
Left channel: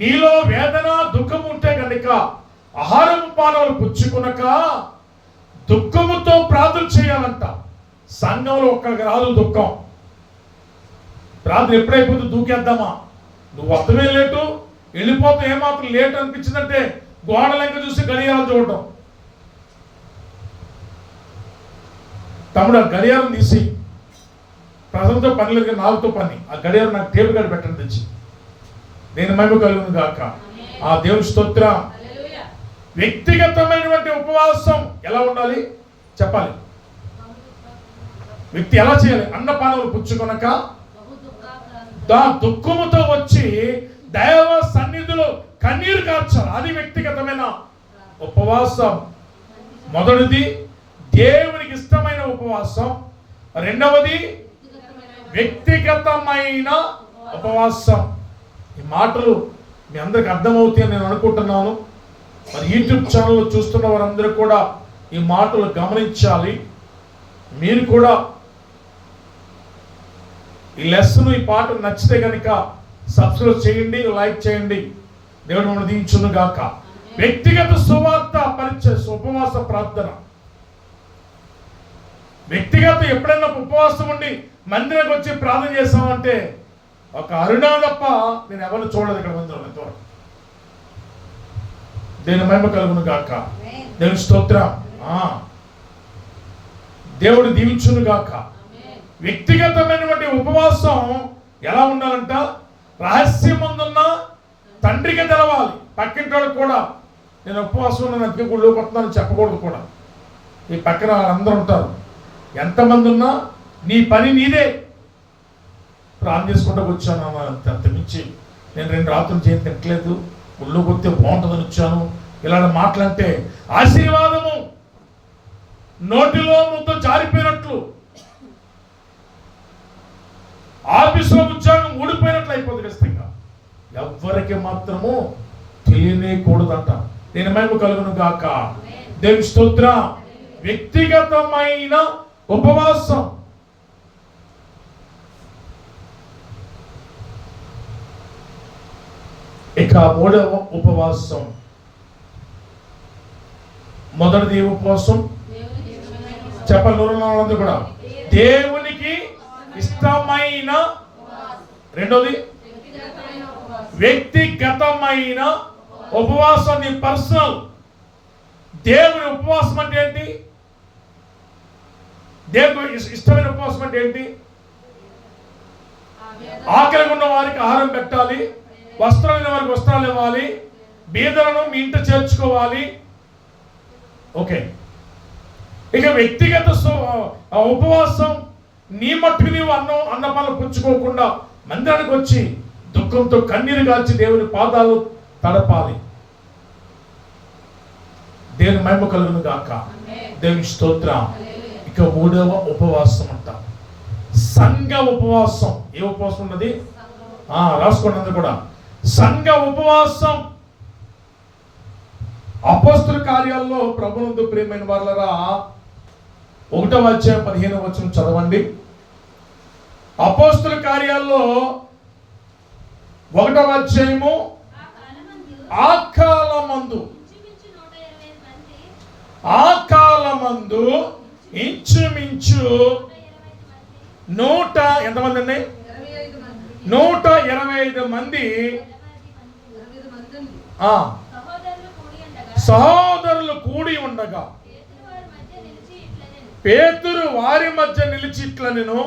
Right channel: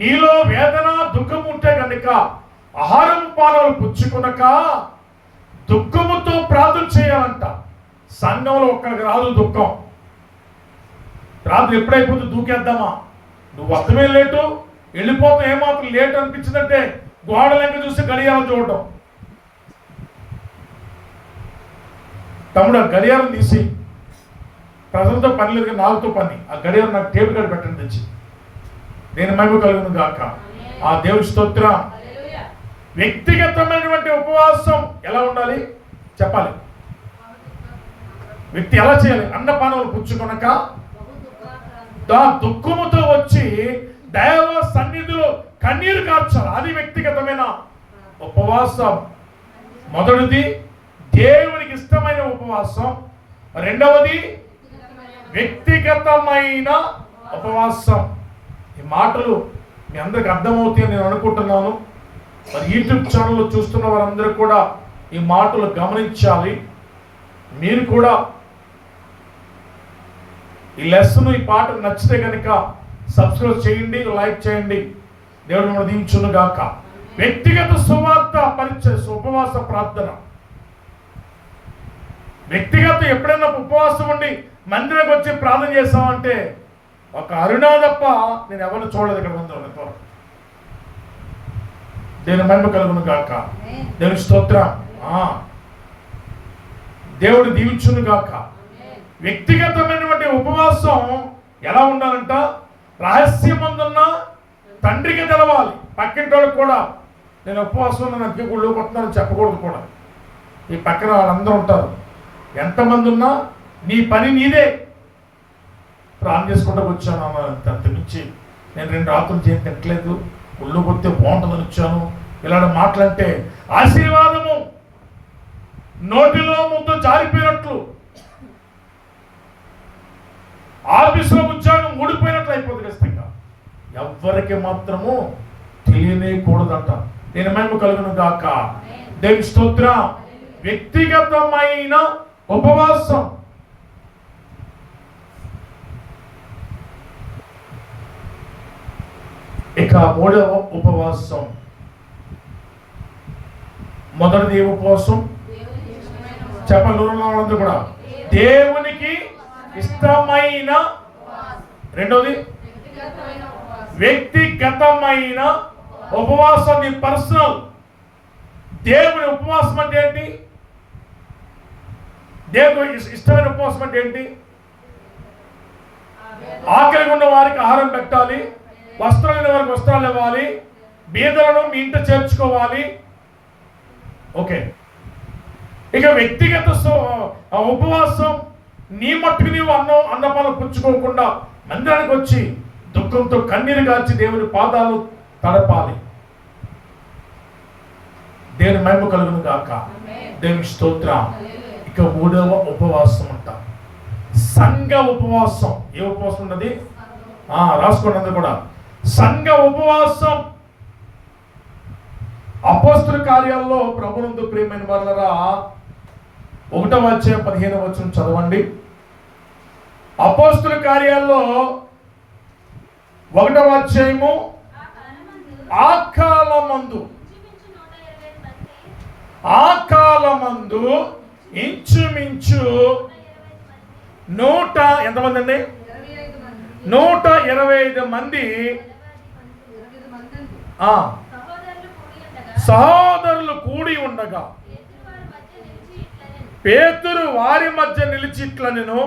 నీలో వేదన దుఃఖం ఉంటే కనుక ఆహారం పానాలు పుచ్చుకునక దుఃఖముతో ప్రార్థన చేయాలంట. సంఘంలో ఒక్కడికి రాదు దుఃఖం. ప్రార్థన ఎప్పుడైపోతుంది దూకేద్దామా, నువ్వు వస్తమే లేటు, వెళ్ళిపోతాం ఏమాత్రం లేట్ అనిపించిందంటే గోడలెంక చూసి గడియారం చూడటం. తమ్ముడు ఆ గడియారం తీసి, ప్రజలతో పని లేదు నాలుగుతో పని, ఆ గడియారం నాకు టేబుల్ కాడ పెట్టండి తెచ్చి. నేను మహిమ కలుగును గాక. ఆ దేవుని స్తోత్రం. వ్యక్తిగతమైనటువంటి ఉపవాసం ఎలా ఉండాలి చెప్పాలి. వ్యక్తి ఎలా చేయాలి? అన్నపానములు పుచ్చుకొనక దుఃఖముతో వచ్చి దైవ సన్నిధిలో కన్నీరు కార్చాలి. అది వ్యక్తిగతమైన ఉపవాసం. మొదటిది దేవునికి ఇష్టమైన ఉపవాసం, రెండవది వ్యక్తిగతమైన ఉపవాసం. ఈ మాటలు మీ అందరికి అర్థమవుతాయని నేను అనుకుంటున్నాను. మరి యూట్యూబ్ ఛానల్లో చూస్తున్న వారందరూ కూడా ఈ మాటలు గమనించాలి. మీరు కూడా ఈ లెసన్, ఈ పాట నచ్చితే కనుక సబ్స్క్రైబ్ చేయండి, లైక్ చేయండి. దేవుడు మనం దీవించును గాక. వ్యక్తిగత సువార్త పరిచయ ఉపవాస ప్రార్థన. వ్యక్తిగత ఎప్పుడైనా ఉపవాసం ఉండి మందిరానికి వచ్చి ప్రార్థన చేస్తామంటే ఒక అరుణా తప్ప నేను ఎవరిని చూడలేదు ఇక్కడ మందిరం. దేవుని మహిమ కలుగును గాక. దేవుని స్తోత్రం. దేవుడు దీవించును గాక. వ్యక్తిగతమైనటువంటి ఉపవాసం ఎలా ఉండాలంట? రహస్యమందున్న తండ్రికి తెలవాలి. పక్కింటోళ్ళకి కూడా నేను ఉపవాసం నాకు గుళ్ళోకి వస్తున్నానని చెప్పకూడదు కూడా. ఈ పక్కన వాళ్ళందరూ ఉంటారు. ఎంతమంది ఉన్నా నీ పని నీదే. ప్రాణం చేసుకుంటూ వచ్చాను అంతమించి నేను 2 రాత్రులు చేసి తిట్టలేదు, గుళ్ళోకి వస్తే బాగుంటుందని వచ్చాను, ఇలాంటి మాటలంటే ఆశీర్వాదము నోటిలో ముద్ద జారిపోయినట్లు, ఆఫీసులో ఉద్యోగం ఊడిపోయినట్లు అయిపోతుంది ఖచ్చితంగా. ఎవ్వరికి మాత్రము తెలియనేకూడదంట. నేను మహిమ కలుగును గాక. దేవుని స్తోత్రం. వ్యక్తిగతమైన ఉపవాసం. ఇక 3వ ఉపవాసం. మొదటిది ఉపవాసం చెప్పండి వాళ్ళందరూ కూడా. దేవునికి ఇష్టమైన. రెండోది వ్యక్తిగతమైన ఉపవాసం. నీ పర్సనల్. దేవుని ఉపవాసం అంటే ఏంటి? దేవుని ఇష్టమైన ఉపవాసం అంటే ఏంటి? ఆకలిగా ఉన్న వారికి ఆహారం పెట్టాలి, వస్త్రాలు వారికి వస్త్రాలు ఇవ్వాలి, బీదలను మీ ఇంట చేర్చుకోవాలి. ఓకే. ఇక వ్యక్తిగత ఉపవాసం నీ మట్టుకు నీవు అన్నపాలు పుచ్చుకోకుండా మందిరానికి వచ్చి దుఃఖంతో కన్నీరు గార్చి దేవుని పాదాలు తడపాలి. దేవుని మహిమ కలుగును గాక. దేవుని స్తోత్రం. ఇక 3వ ఉపవాసం అంట సంఘ ఉపవాసం. ఏ ఉపవాసం ఉన్నది? రాసుకోండి అందరూ కూడా. సంఘ ఉపవాసం. అపోస్తలుల కార్యాలలో ప్రభునందు ప్రియమైన వారలారా 1వ అధ్యాయం 15వ వచనం చదవండి. అపోస్తలుల కార్యాల్లో 1వ అధ్యాయము. ఆ కాలమందు ఇంచుమించు ఎంతమంది అండి? 125 మంది సహోదరులు కూడి ఉండగా పేతురు వారి మధ్య నిలిచి ఇట్లా నేను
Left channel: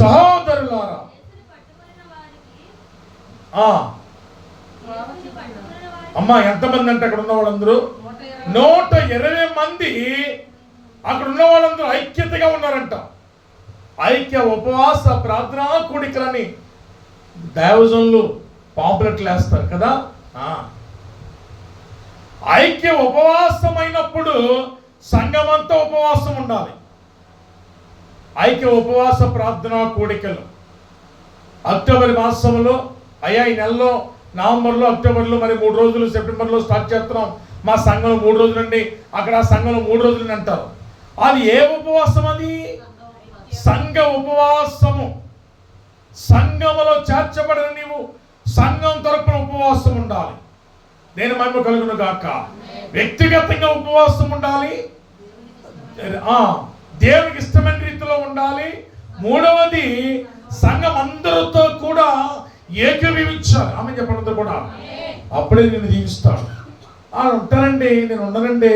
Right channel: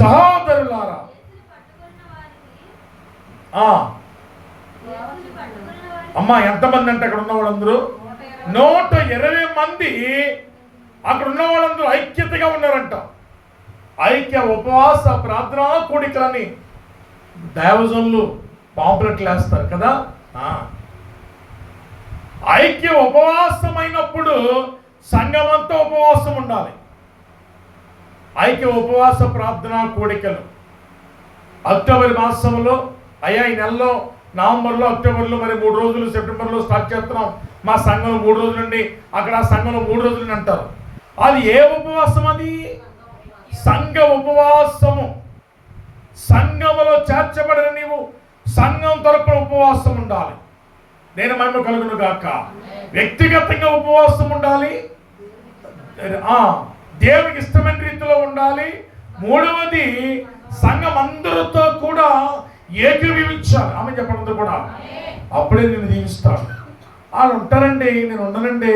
సహోదరులారా. అమ్మా ఎంతమంది అంటే అక్కడ ఉన్న వాళ్ళందరూ 120 మంది అక్కడ ఉన్న వాళ్ళందరూ ఐక్యతగా ఉన్నారంట. ఐక్య ఉపవాస ప్రార్థనా కూడికలని దైవజనులు పాంప్లెట్లు వేస్తారు కదా. ఐక్య ఉపవాసమైనప్పుడు సంఘమంతా ఉపవాసం ఉండాలి. ఐక్య ఉపవాస ప్రార్థనా కూడికలు అక్టోబర్ మాసంలో ఈ నెలలో నవంబర్లో, అక్టోబర్లో, మరి 3 రోజులు సెప్టెంబర్లో స్టార్ట్ చేస్తున్నాం. మా సంఘంలో 3 రోజులండి, అక్కడ ఆ సంఘంలో 3 రోజులని అంటారు. అది ఏ ఉపవాసం? అది సంఘ ఉపవాసము. సంఘములో చేర్చబడిన నీవు సంఘం తరపున ఉపవాసం ఉండాలి. నేను మహిమ కలుగును గాక. వ్యక్తిగతంగా ఉపవాసం ఉండాలి, దేవునికి ఇష్టమైన రీతిలో ఉండాలి. మూడవది సంఘం అందరితో కూడా ఏకీభవించాలి. ఆమె చెప్పడంతో కూడా అప్పుడే నేను దీవిస్తాడు. వాళ్ళు ఉంటారండి, నేను ఉండనండి,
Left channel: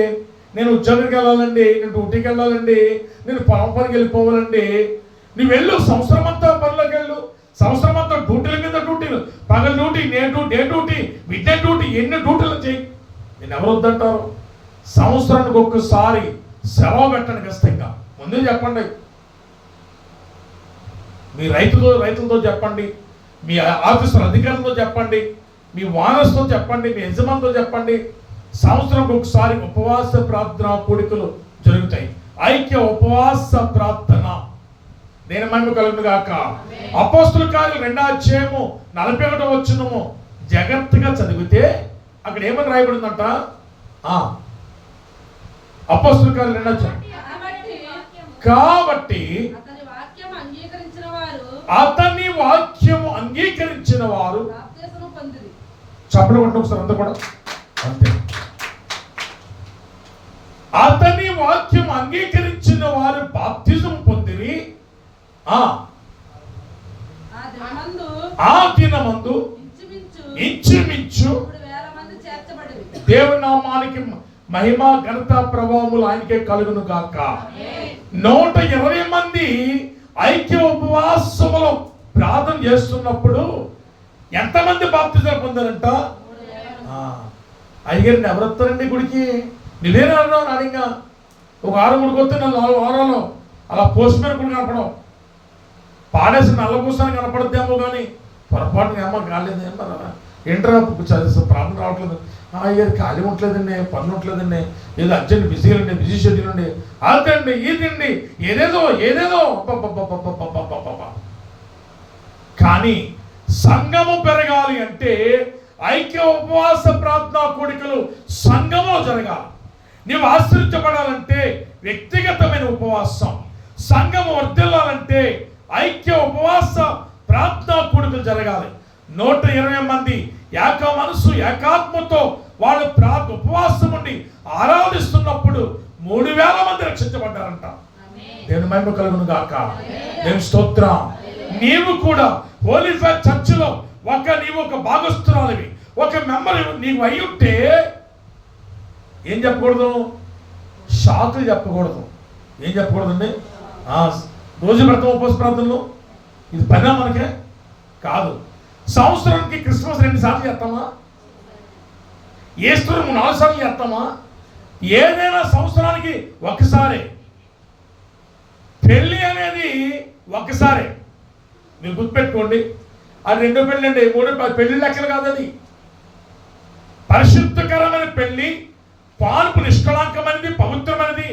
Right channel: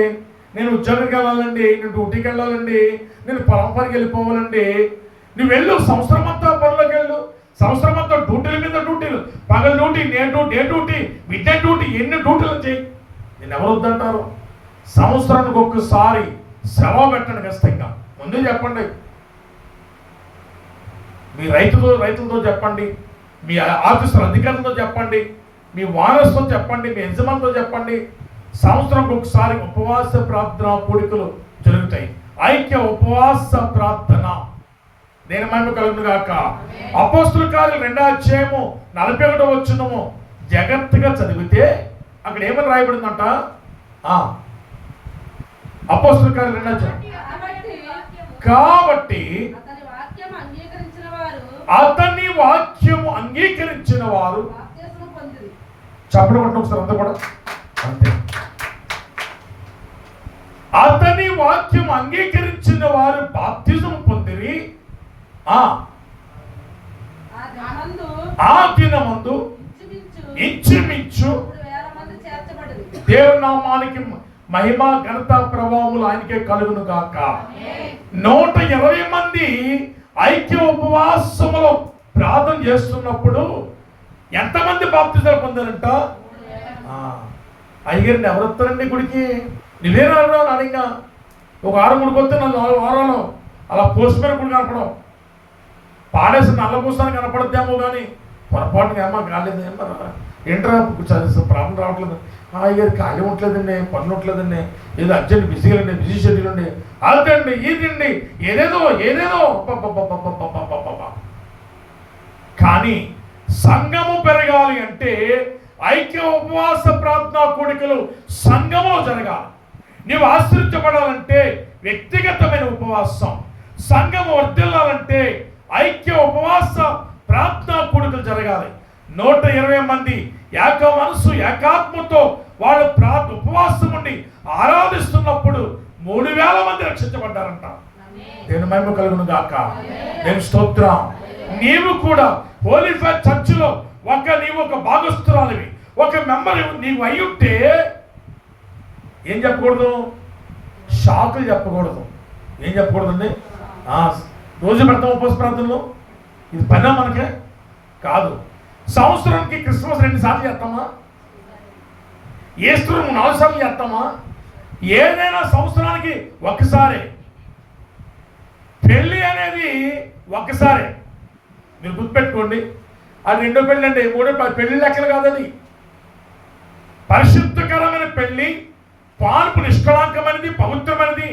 నేను ఉద్యోగానికి వెళ్ళాలండి, నేను డ్యూటీకి వెళ్ళాలండి, నేను పొలం పనికి వెళ్ళిపోవాలండి. నువ్వు వెళ్ళు, సంవత్సరం అంతా పనిలోకి వెళ్ళు, సంవత్సరం అంతా డ్యూటీల మీద డ్యూటీలు, పగల duty, day duty, mid night duty, ఎన్ని డ్యూటీలు చేయి. నేను ఎవరు వద్దంటారు? సంవత్సరానికి ఒక్కసారి సెలవు పెట్టండి ఖచ్చితంగా. ముందే చెప్పండి, మీ రైతులతో చెప్పండి, మీ ఆఫీసర్ అధికారులతో చెప్పండి, మీ వానర్స్తో చెప్పండి, మీ యజమానితో చెప్పండి. సంవత్సరంకి ఒకసారి ఉపవాస ప్రార్థన కూడికలు జరుగుతాయి. ఐక్య ఉపవాస ప్రార్థన. నేను మహిమ కలుగును గాక. అపోస్తుల కార్యాలు 2వ అధ్యాయము 41వ వచనము జాగ్రత్తగా చదివితే అక్కడ ఏమని రాయబడిందంట? అపోస్తుల కార్యాలు 2వ అధ్యాయం. కాబట్టి అతని వాక్యము అంగీకరించిన వారు చెప్పడం ఒకసారి అంతా కూడా అంతే. అతని వాక్యం అంగీకరించిన వారు బాప్తిజం పొందిరి. ఆ దినమందు ఇంచుమించు దేవుని నామానికి మహిమ ఘనత ప్రభావములు ఆయనకే కలుగును గాక. 120 మంది ఐక్య ఉపవాసములో ప్రార్థన చేస్తున్నప్పుడు ఎంతమంది బాప్తిజాలు పొందారంట? అయ్యగారిని ఎవరు వస్తారండి గుడికి? నువ్వేనా అడిగా ఒక 6 గుడికి 4 వారాలు అలా పోస్ట్ మీద గుడి కనపడం, పాడేసిన నల్ల పూసాన్ని కనపడద్దేమో కానీ పొరపాటుగా ఏమో కాలేదు, ఏమో ఏంట్రా ప్రాబ్లం రావట్లేదు, అయ్యారు ఖాళీ ఉండలేదండి, పనులు ఉండలేదండి, ఏదో అర్జెంట్ బిజీగా అండి, బిజీ షెడ్యూల్ అండి, అదండి ఇదండి, ఏదేదో కానీ సంఘము పెరగాలి అంటే ఐక్య ఉపవాస ప్రార్థనా కూడికలు సంఘములో జరగాలి. నీవు ఆశ్రయించబడాలంటే వ్యక్తిగతమైన ఉపవాసం, సంఘము వర్ధిల్లాలంటే ఐక్య ఉపవాస ప్రార్థనా కూడికలు జరగాలి. 120 మంది ఏక మనసు ఏకాత్మతో వాళ్ళు ఉపవాసం ఉండి ఆరాధిస్తున్నప్పుడు 3000 మంది రక్షించబడ్డారంట. దేవుని మహిమ కలుగును గాక. దేవుని స్తోత్రం. నీవు కూడా హోలీ ఫైత్ చర్చిలో నీవు ఒక భాగస్తురాలివి, ఒక మెంబర్ నీవు అయి ఉంటే ఏం చెప్పకూడదు? షాకులు చెప్పకూడదు. ఏం చెప్పకూడదండి? రోజు పెడతాం ఉపవాస ప్రార్థనలో, ఇది పైన మనకే కాదు. సంవత్సరానికి క్రిస్మస్ 2 సార్లు చేస్తామా? ఈస్టర్ 4 సార్లు చేస్తామా? ఏదైనా సంవత్సరానికి ఒక్కసారే. పెళ్ళి అనేది ఒక్కసారే. మీరు గుర్తుపెట్టుకోండి, అది 2వ పెళ్ళి అండి, 3వ పెళ్లి లెక్కలు కాదది. పరిశుద్ధకరమైన పెళ్లి, పానుపు నిష్కళంకమైనది, పవిత్రమైనది.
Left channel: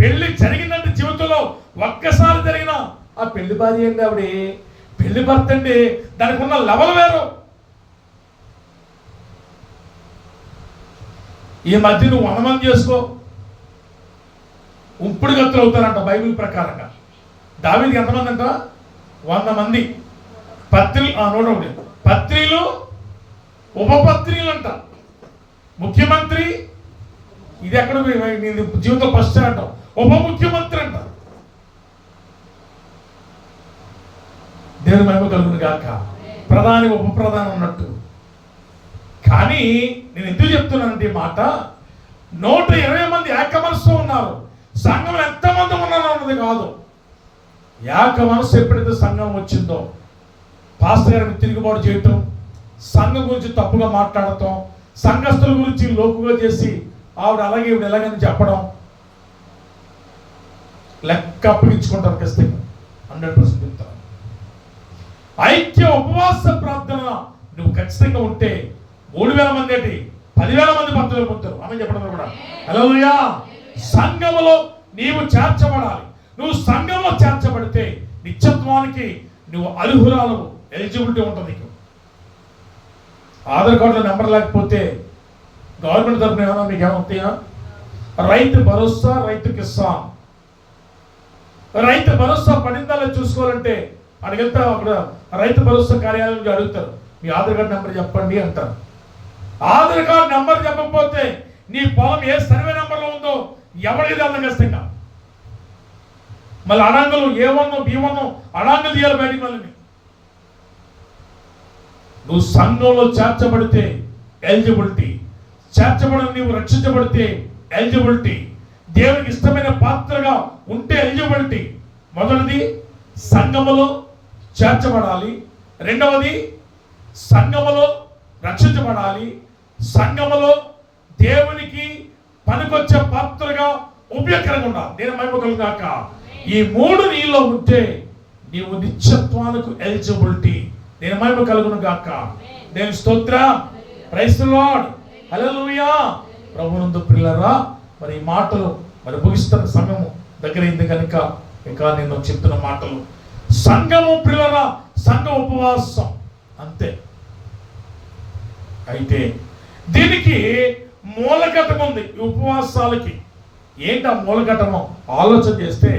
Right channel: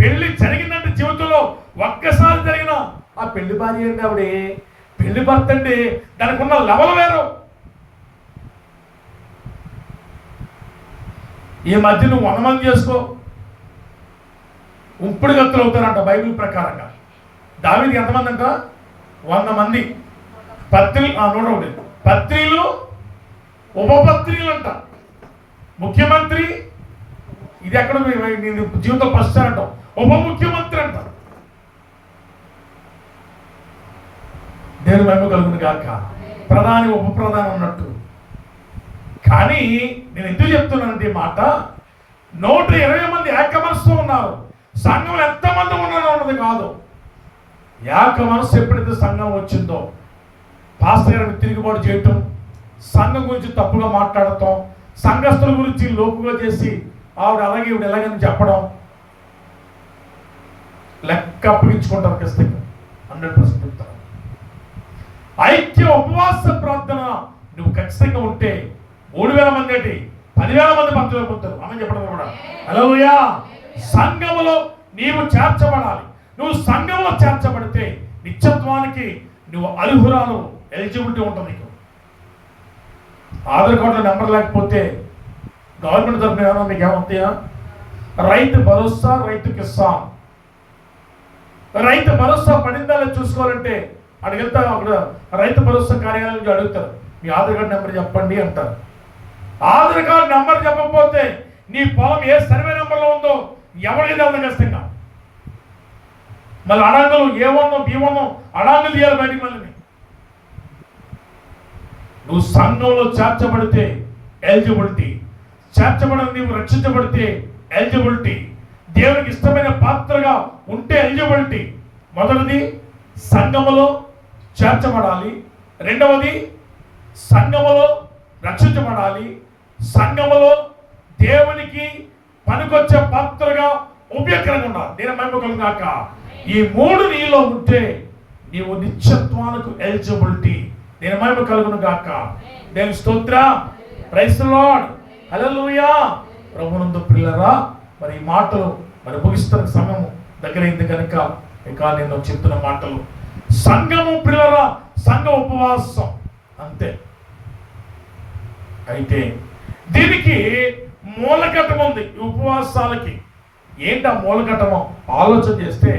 పెళ్లి జరిగిందంటే జీవితంలో ఒక్కసారి జరిగిన ఆ పెళ్లి భార్య అండి, ఆవిడ పెళ్లి భర్త అండి, దానికి ఉన్న లెవెల్ వేరు. ఈ మధ్య నువ్వు 100 మంది చేసుకో, ఉంపుడు గత్తులు అవుతారంట బైబిల్ ప్రకారంగా. దావీదుకి ఎంతమంది అంట? 100 మంది. పత్రిలు ఉపపత్రులు అంట. ముఖ్యమంత్రి, ఇది ఎక్కడ జీవితం ఫస్ట్ అంటాం, ఉప ముఖ్యమంత్రి అంట. దేవుని మహిమ కలుగును గాక. ప్రధాని ఉప ప్రధాని ఉన్నట్టు. కానీ నేను ఎందుకు చెప్తున్నానంటే ఈ మాట, 120 మంది ఏక మనసుతో ఉన్నారు. సంఘంలో ఎంతమంది ఉన్నారో అన్నది కాదు, ఏక మనసు ఎప్పుడైతే సంఘం వచ్చిందో, పాస్టర్ గారికి తిరుగుబాటు చేయటం, సంఘం గురించి తప్పుగా మాట్లాడటం, సంఘస్థుల గురించి లోకుగా చేసి ఆవిడ అలాగే ఇవిడ ఎలాగని చెప్పడం, లెక్క అప్పగించుకుంటారు ఖచ్చితంగా. 100% చెప్తారు. ఐక్య ఉపవాస ప్రార్థన నువ్వు ఖచ్చితంగా ఉంటే 3000 మంది ఏంటి, 10,000 మంది భక్తులు పొందుతారు. ఆమె చెప్పడం కూడా హల్లెలూయా. సంఘములో నీవు చేర్చబడాలి. నువ్వు సంఘంలో చేర్చబడితే నిత్యత్వానికి నువ్వు అర్హురాలు, ఎలిజిబిలిటీ ఉంటుంది. నీకు ఆధార్ కార్డులో నెంబర్ లేకపోతే గవర్నమెంట్ తరఫున ఏమన్నా మీకు ఏమవుతాయా? రైతు భరోసా, రైతు కిసాన్. రైతు భరోసా పడిందా చూసుకోవాలంటే అడిగితే అక్కడ రైతు భరోసా కార్యాలయం నుంచి అడుగుతారు, మీ ఆధార్ కార్డు నెంబర్ చెప్పండి అంటారు. ఆధార్ కార్డు నెంబర్ చెప్పకపోతే నీ పొలం ఏ సర్వే నెంబర్లో ఉందో ఎవరికి తెలడం కష్టంగా. మళ్ళీ అడాంగులు A1 B1 అడాంగులు తీయాలి బయటికి. మళ్ళీ నువ్వు సంఘంలో చేర్చబడితే ఎలిజిబిలిటీ, చేర్చబడిన నీవు రక్షించబడితే ఎలిజిబిలిటీ, దేవునికి ఇష్టమైన పాత్రగా ఉంటే ఎలిజిబిలిటీ. మొదటిది సంఘములో చేర్చబడాలి, రెండవది సంఘములో రక్షించబడాలి, సంఘములో దేవునికి పనికొచ్చే పాత్రగా ఉపయోగకరంగా ఉండాలి. నేను మహిమ కాక ఈ మూడు నీలో ఉంటే నీవు నిత్యత్వానికి ఎలిజిబిలిటీ. నేను మహిమ కలుగును గాక. దేవుని స్తోత్రం, ప్రైజ్ ది లార్డ్, హల్లెలూయా. ప్రభువునందు ప్రియులారా, మరి ఈ మాటలు మరి ముగిస్తున్న సమయం దగ్గరైంది కనుక ఇక నేను చెప్తున్న మాటలు సంఘము ప్రియులారా, సంఘ ఉపవాసం అంతే. అయితే దీనికి మూలఘట్టం ఉంది. ఉపవాసాలకి ఏంటి ఆ మూలఘట్టమో ఆలోచన చేస్తే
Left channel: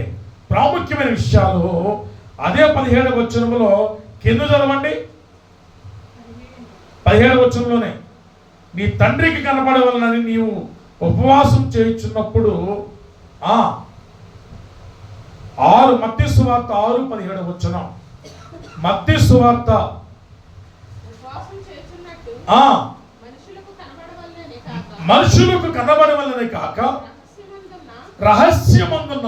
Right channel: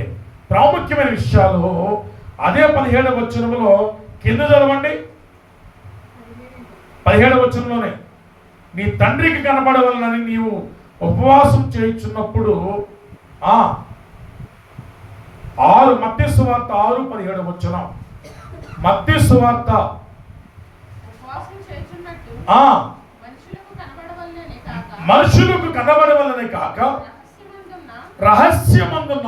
ప్రాముఖ్యమైన విషయాలు అదే 17వ వచనంలో కింద చదవండి. 17వ వచనంలోనే నీ తండ్రికి కనబడవలనని నీవు ఉపవాసం చేయించున్నప్పుడు 6 మత్తయి సువార్త 6:17 వచనం. మత్తయి సువార్త మనుషులకు కనబడవలనే కాక రహస్యమందున్న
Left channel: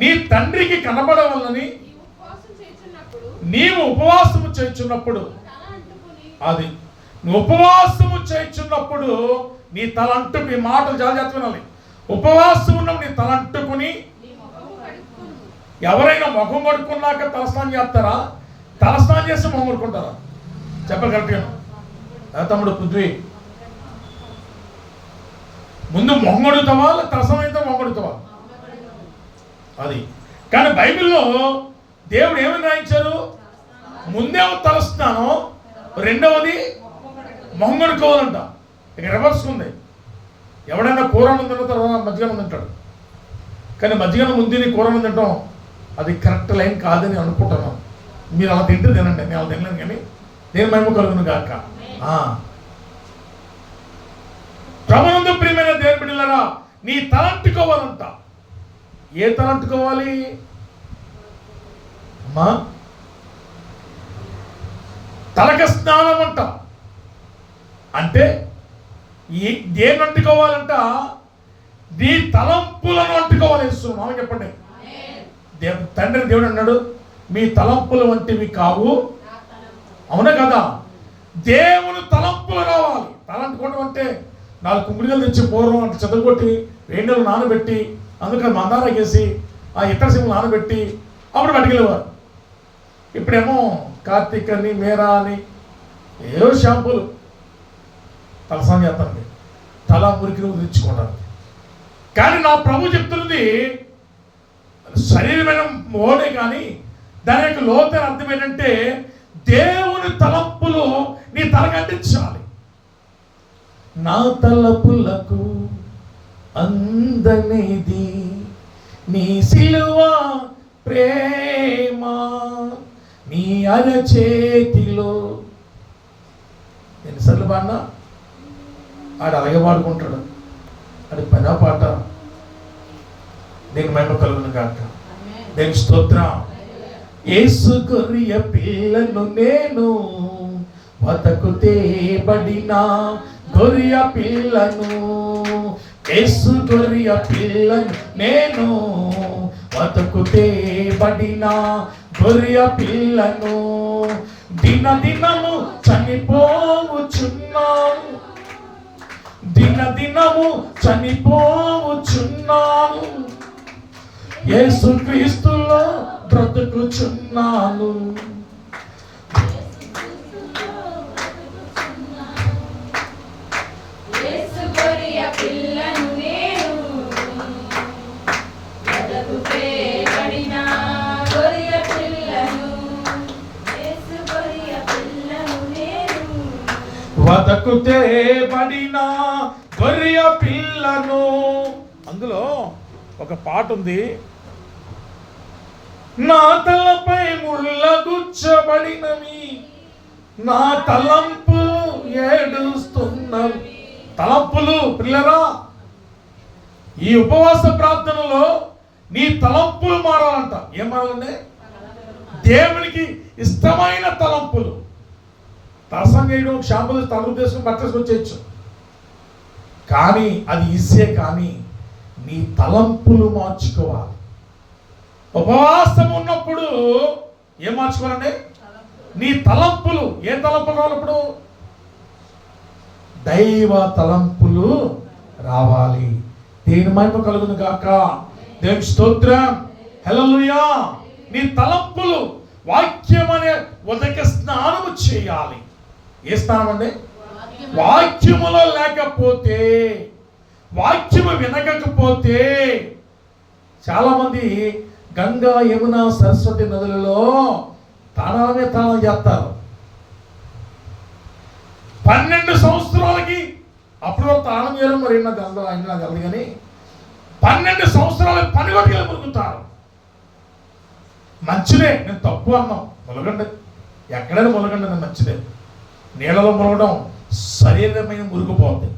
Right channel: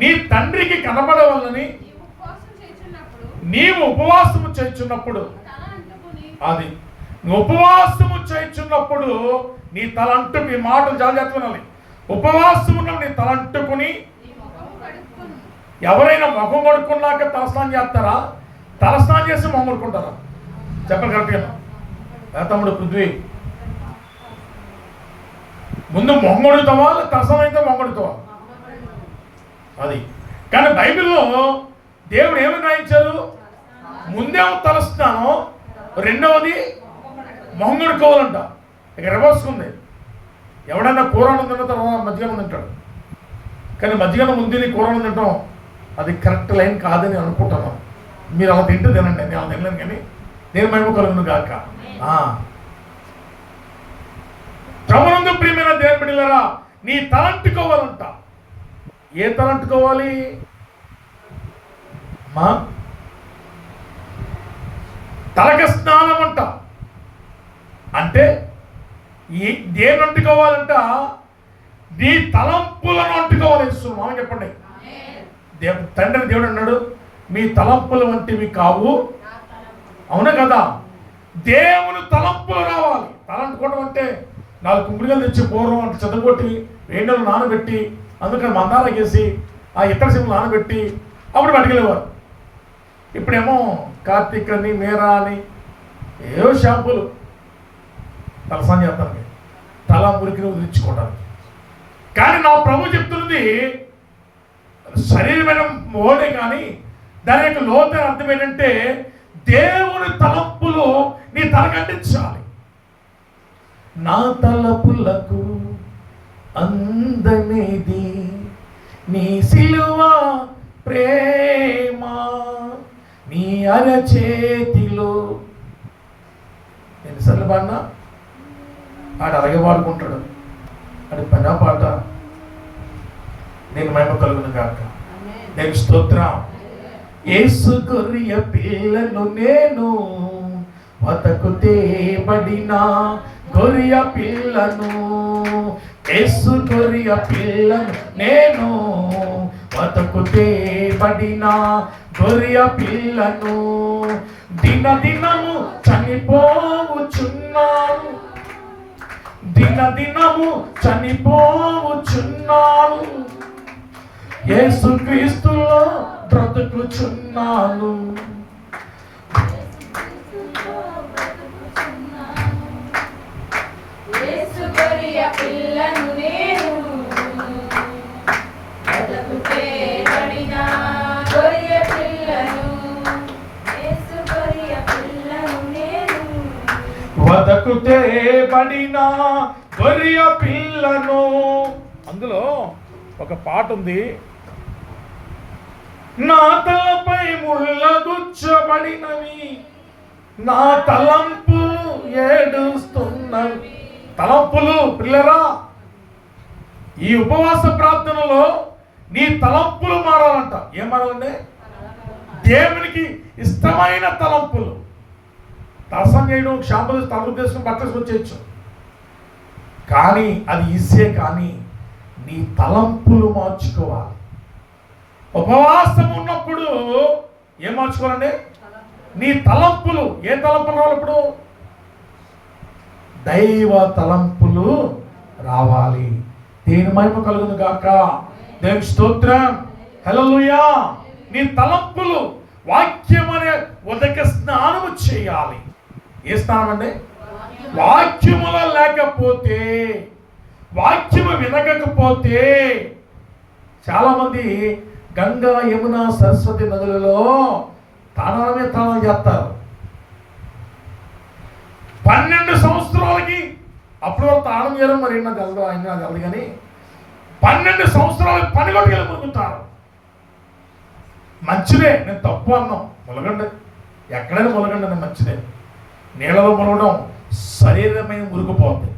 నీ తండ్రికి కనబడవలనని నీవు ఉపవాసము చేయుచున్నప్పుడు, అది నువ్వు ఉపవాసము చేయుచున్నప్పుడు నీ తల అంటుకు, ఈ మాటలు జాగ్రత్తగా వినాలి. ఉపవాసం ఉన్నప్పుడు నీ తల అంటుకుని. ఎవరైనా ముఖం కడుక్కున్నాక తలస్నానం చేస్తారా? తలస్నానం చేసి మొహం కడుక్కుంటారా? చెప్పాలి కరెక్ట్గా తమ్ముడు పృథ్వీ. ముందు మొహం కడుగుతావా, తలస్నానం అయితే మొహం కడుగుతావా? అది కానీ బైబిల్లో దేవుడు ఏమని రాయించారు? ముందేమో తలస్నానం, రెండవది మొహం కడుక్కోవాలంట. ఇక రివర్స్ ఉంది. ఎవడైనా కూరను తిన్న తర్వాత మజ్జిగను తింటాడు, కానీ మజ్జిగను ముందు కూరను తింటాం అది కరెక్ట్ లైన్ కాదని అనుకుంటున్నాను. మీరు అలా తింటే తినండి, నేను అలా తినలేను. కానీ నేను మహిమ కలుగును గాక. ప్రభునందు ప్రియమైన దేవుని బిడ్డలారా, నీ తలంటుకోవాలంట. ఏ తలంటుకోవాలి అమ్మా? తలక స్నానం అంట. అంటే దేని అంటుకోవాలంట? నీ తలంపులను అంటుకోవాలి. మామ చెప్పండి. తండ్రి దేవుడు అన్నాడు, మీ తలంపుల వంటివి కావు. అవునా కదా? దేవుని తలంపులు రావాలి. తలంటుకోవడం అంటే 4 కుంకుడుగలు తెచ్చి పూర్వం అంటే చదువుకొట్టి వేడిలో నానబెట్టి అందుకని మందారకేసి ఆ ఇతర సిమ్లు నానబెట్టి అప్పుడు పట్టుకెళ్ళేవారు. ఇప్పుడేమో కార్తీక్ అని, మేరా అని ఏవో షాంపూలు తలస్నానం చేస్తానికి, తల మురికి వదిలించుకోవడానికి. కానీ నా ప్రభు చెప్తున్నది శరీరమైన మోడే, కానీ దాని యొక్క లోతైన అర్థం ఏంటంటే దేవుని తలంపులు నీ తలకంటించాలి. నా తలపులకు అందనిది నీ సిలువ ప్రేమ, నీ అరచేతిలో. ఎన్నిసార్లు పాడినా ఆడు అలాగే పాడుకుంటాడు. ఆడి పైన పాట. నేను మహిమ కలుగును గాక. నేను స్తోత్రం. యేసు గొర్రె పిల్లను నేను, వతకు తేబడిన గొర్రె పిల్లను. యేసు గొర్రె పిల్లను నేను, వతకు తేబడిన గొర్రె పిల్లను. దినదినము చనిపోవుచున్నాను, దినదినము చనిపోవుచున్నాను, యేసుక్రీస్తులో బ్రతుకుచున్నాను. వదకు కొరకు తేబడిన గొర్రె పిల్లను. అందులో ఒక పాట ఉంది, నా తలపై ముళ్ళగుచ్చబడినవి, నా తలంపులు ఏడుస్తున్నవి. తలంపులు పిల్లరా, ఈ ఉపవాస ప్రార్థనలో నీ తలంపులు మారాలంట. ఏం మారాలంటే దేవునికి ఇష్టమైన తలంపులు. తలసం చేయడం, షాంపూ తలుపు చేసుకుని బట్టలు చేయొచ్చు, కానీ అది ఈజీయే. కానీ నీ తలంపులు మార్చుకోవాలి. ఉపవాసం ఉన్నప్పుడు ఏం మార్చుకోవాలండి? నీ తలంపులు. ఏ తలంపులు రావాలప్పుడు? దైవ తలంపులు రావాలి. దేని మహిమ కలుగును గాక. దేవునికి స్తోత్రం. హల్లెలూయా. నీ తలంపులు వాక్యం అనే ఉదక స్నానము చేయాలి. ఏ స్నానం అండి? వాక్యములో లేకపోతే, వాక్యము వినకపోతే, చాలామంది గంగా, యమున, సరస్వతి నదులలో తాళమే తాళం చేస్తారు. 12 సంవత్సరాలకి అప్పుడు తాళం చేయడం మరి నాకు గలదు, ఆయన నాకు గలదు, కానీ 12 సంవత్సరాలకు పనిగొట్టుకెళ్ళి మునుగుతారు. మంచిదే, నేను తప్పు అన్నాం, ములగండి, ఎక్కడైనా ములగండి, నేను మంచిదే. నీళ్ళలో ములగడం శరీరమైన మురిగిపోతుంది.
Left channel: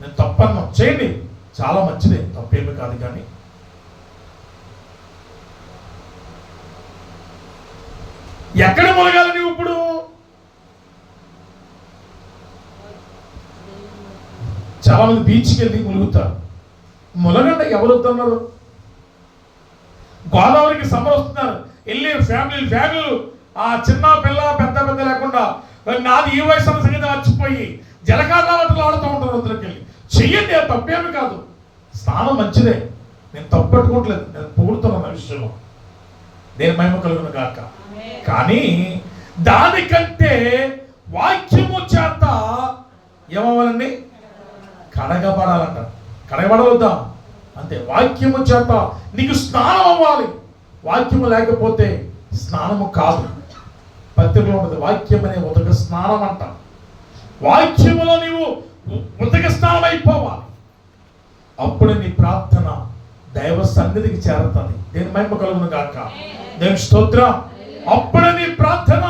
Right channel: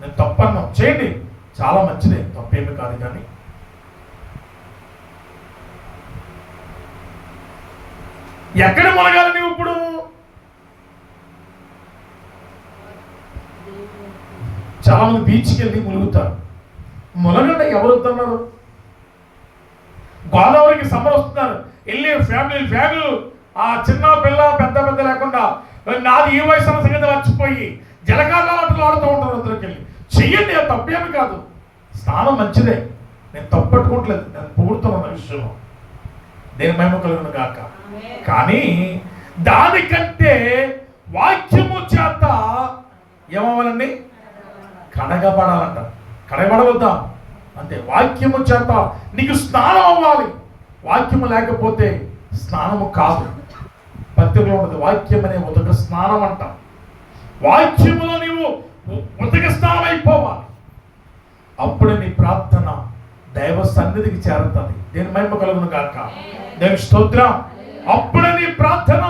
నేను తప్పు అన్నాం, చేయండి, చాలా మంచిదే, తప్పేమి కాదు. కానీ ఎక్కడ ములగాలి నువ్వు ఇప్పుడు? చాలా మంది బీచ్కి వెళ్ళి ములుగుతారు. ములగండి, ఎవరు వస్తున్నారు? గోదావరికి సమ్మర్ వస్తున్నారు, వెళ్ళి ఫ్యామిలీలు ఆ చిన్న పిల్ల పెద్ద పెద్ద లేకుండా నాది ఈ వయసు అన్న సంగతి మర్చిపోయి జలకాలాలు ఆడుతూ ఉంటారు. అందులోకి వెళ్ళి చెయ్యండి, అది తప్పేమి కాదు. స్నానం మంచిదే, నేను తప్పు పెట్టుకోవట్లేదు, నేను పొగుడుతున్నాను విషయంలో. దేని మహిమ కలుగును గాక. కానీ దానికంటే వాక్యము చేత ఏమవ్వాలండి? కడగబడాలంట. కడగబడవద్దా? అంతే. వాక్యము చేత నీకు స్నానం అవ్వాలి. వాక్యము లేకపోతే స్నానము కాదు. పత్రికలో ఉన్నది వాక్యం అనే ఉదక స్నానం అంట. వాక్యములో నీవు ఉదక స్నానం అయిపోవాలి. అప్పుడు నీ ప్రార్థన దైవ సన్నిధికి చేరుతుంది. దేని మహిమ కలుగును గాక. దేవుని స్తోత్రం. అప్పుడే నీ ప్రార్థన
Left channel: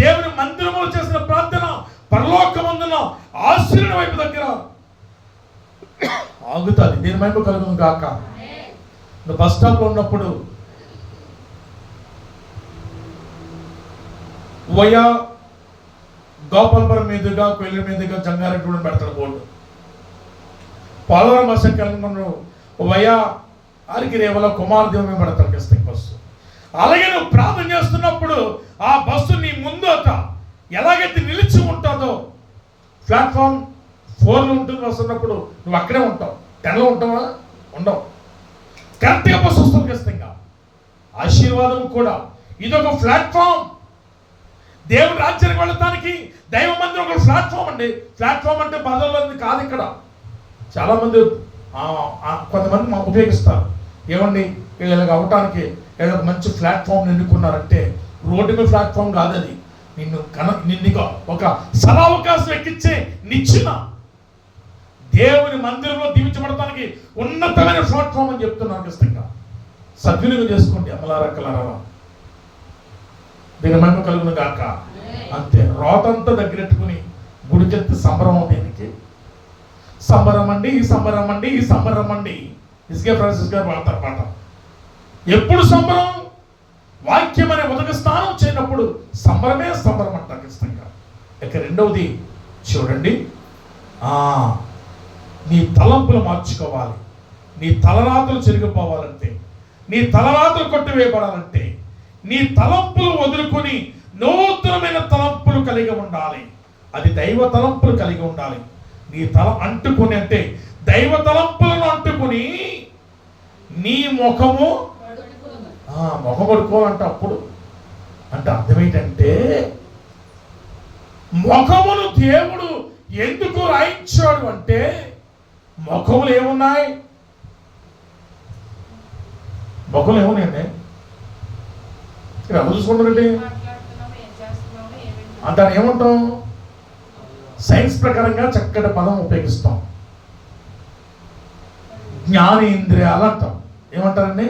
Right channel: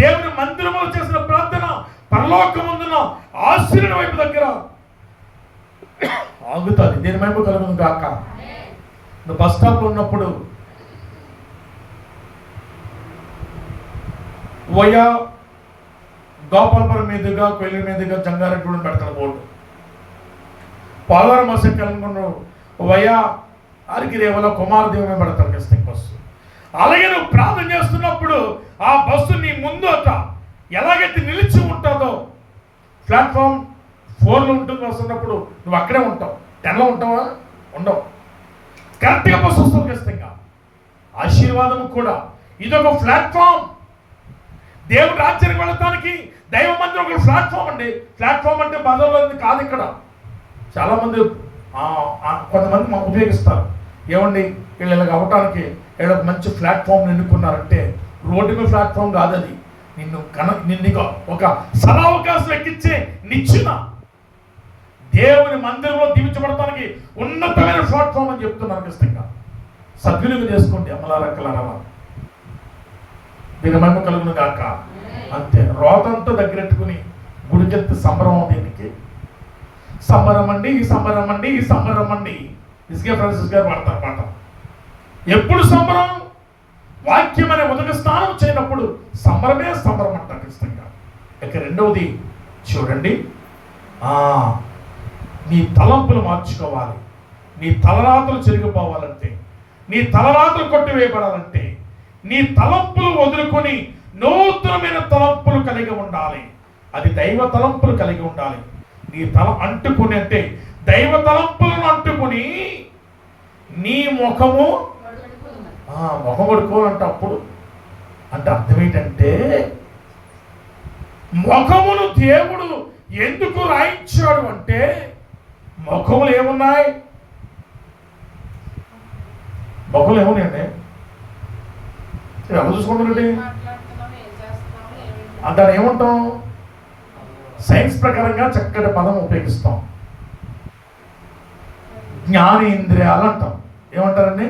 దేవుని మందిరములో చేసిన ప్రార్థన పరలోకమందున ఆశీర్వాద వైపు దగ్గర ఆగుతుంది. దేని మహిమ కలుగును గాక. నువ్వు బస్ స్టాప్లో ఉన్నప్పుడు వయా గోపాలపురం మీదుగా, కొయ్యల మీదుగా జంగారెడ్డి పెడతాడు board. Polavaram bus ఎక్కాలనుకున్న via అరికిరేవల Kumaradevi పెడతారు ఖచ్చితంగా బస్సు. అలాగే నువ్వు ప్రార్థన చేస్తున్నప్పుడు ఆ బస్సు నీ ముందట ఎలాగైతే నిలిచి ఉంటుందో, ప్లాట్ఫామ్ 4లో ఉంటుంది వస్తున్నప్పుడు నువ్వు అక్కడే ఉంటావు. 10లో ఉంటావా? ఉండవు. కరెక్ట్గా బస్సు వస్తుంది ఖచ్చితంగా. ఆశీర్వాదం కూడా ఇదొక ప్లాట్ఫామ్. దేవుడి రాజ్యానికి వెళ్ళటానికి దైవ మందిరం ఒక ప్లాట్ఫామ్ అండి. ప్లాట్ఫామ్ అంటే బజార్లో కాదు. ఇక్కడ చాలామంది కొంతమంది మాకు ఉపయోగిస్తారు. ఏమండి వీళ్ళు ఇలాగ అవ్వటానికి వీళ్ళు ఒక మంచి ప్లాట్ఫామ్ ఎన్నుకున్నారంటే రోడ్డు మీద ప్లాట్ఫామ్ కాదు అది. నిన్ను ఒక సదావకాశం ఎక్కించే నిచ్చిన దేవుని మందిరంలో దీవించబడటానికి ఉన్నతమైన ప్లాట్ఫామ్ అని చెప్తున్నాను. ఖచ్చితంగా సద్వినియోగం చేసుకోండి అమలారక్కలారా. దీని మహిమ కలుగును గాక. అంతే. రోతంతా దగ్గరెట్టుకుని గుడికెత్తి సంబరం. దీనికి సంబరం అండి, ఈ సంబరం అండి, ఈ సంబరం అండి. ఇస్కే ఫ్రాన్సిస్ గారు వాడతారు మాట. ఎప్పుడు సంబరం? వాక్యం అనే ఉదక స్నానం చేయనప్పుడు సంబరమే సంబరం అంట ఖచ్చితంగా. ఇక రెండవది చూడండి, నీ తలంపులు మార్చుకోవాలి. నీ తలరాతలు చెరిగిపోవాలంటే, నీ తలరాతలు కొట్టివేయబడాలంటే నీ తలంపులు వదులుకొని నూతనమైన తలంపులు కలిగి ఉండాలి. అది దైవ తలంపులు కలిగి ఉండాలి. నీ తల అంటుకుని అంటే దైవ తలంపులను అంటుకుని నీ ముఖము పడుకోవాలంట. అప్పుడు అంటే అర్థం ఏంటంటే ముఖమును దేవుడు ఎందుకు రాయించాడు అంటే ముఖములు ఏమున్నాయి? ముఖములు ఏమున్నాయండి? ఎవరు చూసుకుంటారండి? దాన్ని ఏమంటాం? సైన్స్ ప్రకారంగా చక్కటి పదం ఉపయోగిస్తాం, జ్ఞానేంద్రియాలు అంటాం. ఏమంటారండి?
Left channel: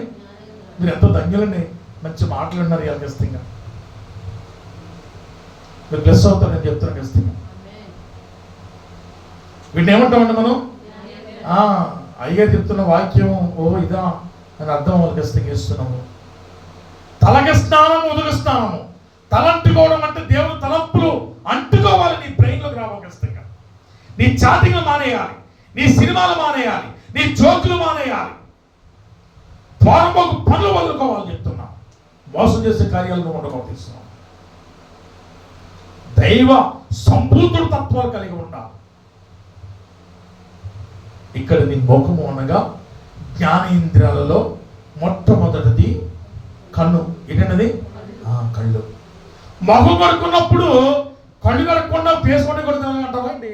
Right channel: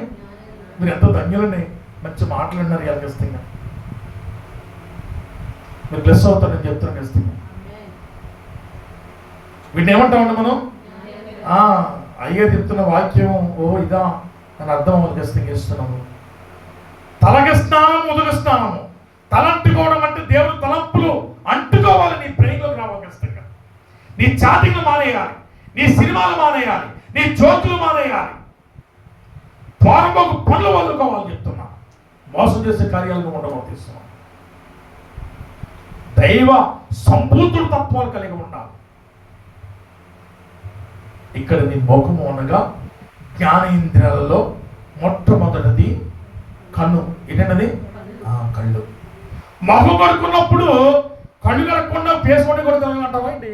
మీరు ఎంతో ధన్యులండి, మంచి మాటలు ఉన్నారు ఇవాళ ఖచ్చితంగా. మీరు ప్లస్ అవుతారని చెప్తున్నాను ఖచ్చితంగా. వీటిని ఏమంటామండి మనం? అయ్యగారు చెప్తున్న వాక్యం ఇదా అని అర్థం అవ్వాలి ఖచ్చితంగా ఇస్తున్నాము. తలకి స్నానము, ఉదక స్నానము. తలంటుకోవడం అంటే దేవుని తలంపులు అంటుకోవాలి, నీ బ్రెయిన్లోకి రావాలి ఖచ్చితంగా. నీ చాటింగ్లు మానేయాలి, నీ సినిమాలు మానేయాలి, నీ జోకులు మానేయాలి, పోరంబోకు పనులు వదులుకోవాలి చెప్తున్నా. మోసం చేసే కార్యాలను ఉండబోతున్నాం. దైవ సంపూర్ణ తత్వాలు కలిగి ఉండాలి. ఇక్కడ నీ ముఖము అనగా జ్ఞానేంద్రియాలలో మొట్టమొదటిది కన్ను. ఏంటన్నది? కళ్ళు. మొహం కడుక్కున్నప్పుడు కళ్ళు కడుక్కున్నా ఫేస్ పట్టి కొడుతున్నాం అంటావా అండి?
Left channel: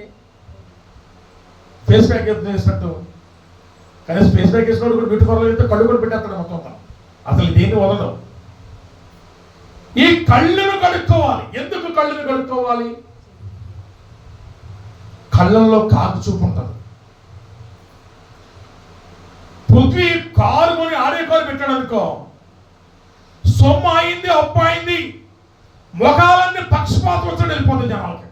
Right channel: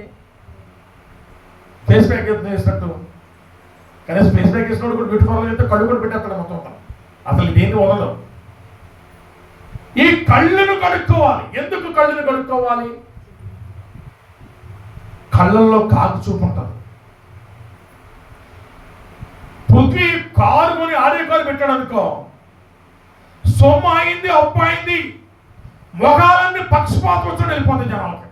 ఫేస్ ప్యాక్ వేసినట్టు. కనీసం ఫేస్ ప్యాక్ వేసినప్పుడు కూడా బ్యూటిఫుల్ అయితే కళ్ళు కూడా పెట్టేస్తాడు మొత్తం. అసలు దేన్ని వదలదు. ఈ కళ్ళను కడుక్కోవాలి. ఎందుకు కళ్ళను కడుక్కోవాలి? కళ్ళల్లో కాకు చూపు ఉంటుంది. పృథ్వీ కారు కొని ఆడే కారు పెట్టాడు అనుకో, సొమ్ము అయింది, అప్పు అయింది, మొగాలన్నీ పక్షపాతం వచ్చి వెళ్ళిపోతుంది జనాలకి.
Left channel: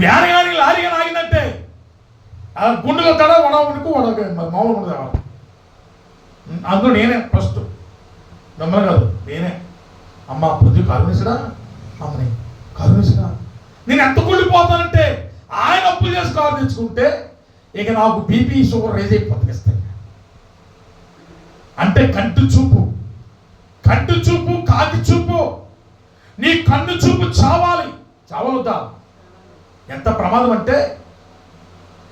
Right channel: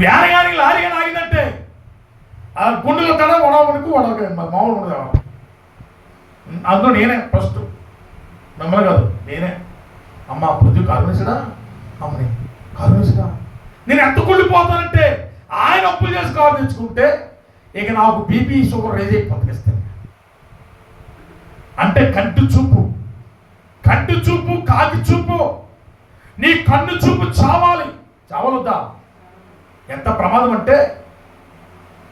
వ్యాన్ కానీ లారీ కానీ ఆగిందంటే ఆ గుండెలో తడ వడవనుకు మామూలు ఉండదు. అందులో నేనే ఫస్ట్, మిమ్మల్ని కాదు, నేనే. అమ్మ పృథ్వీ కారు వేసాడా, అమ్మని కారు వేసాడా, నేను ఎంత కుళ్ళిపోతానంటే ఆయన అప్పులు చేసి కారు తెచ్చుకుంటే ఇక నాకు బీపీ షుగర్ రేజ్ అయిపోతుంది. అంటే కంటి చూపు, కంటి చూపు, కాకి చూపు. నీ కన్ను చూపు చావాలి. చావలుద్దా? ఎంత ప్రమాదం అంటే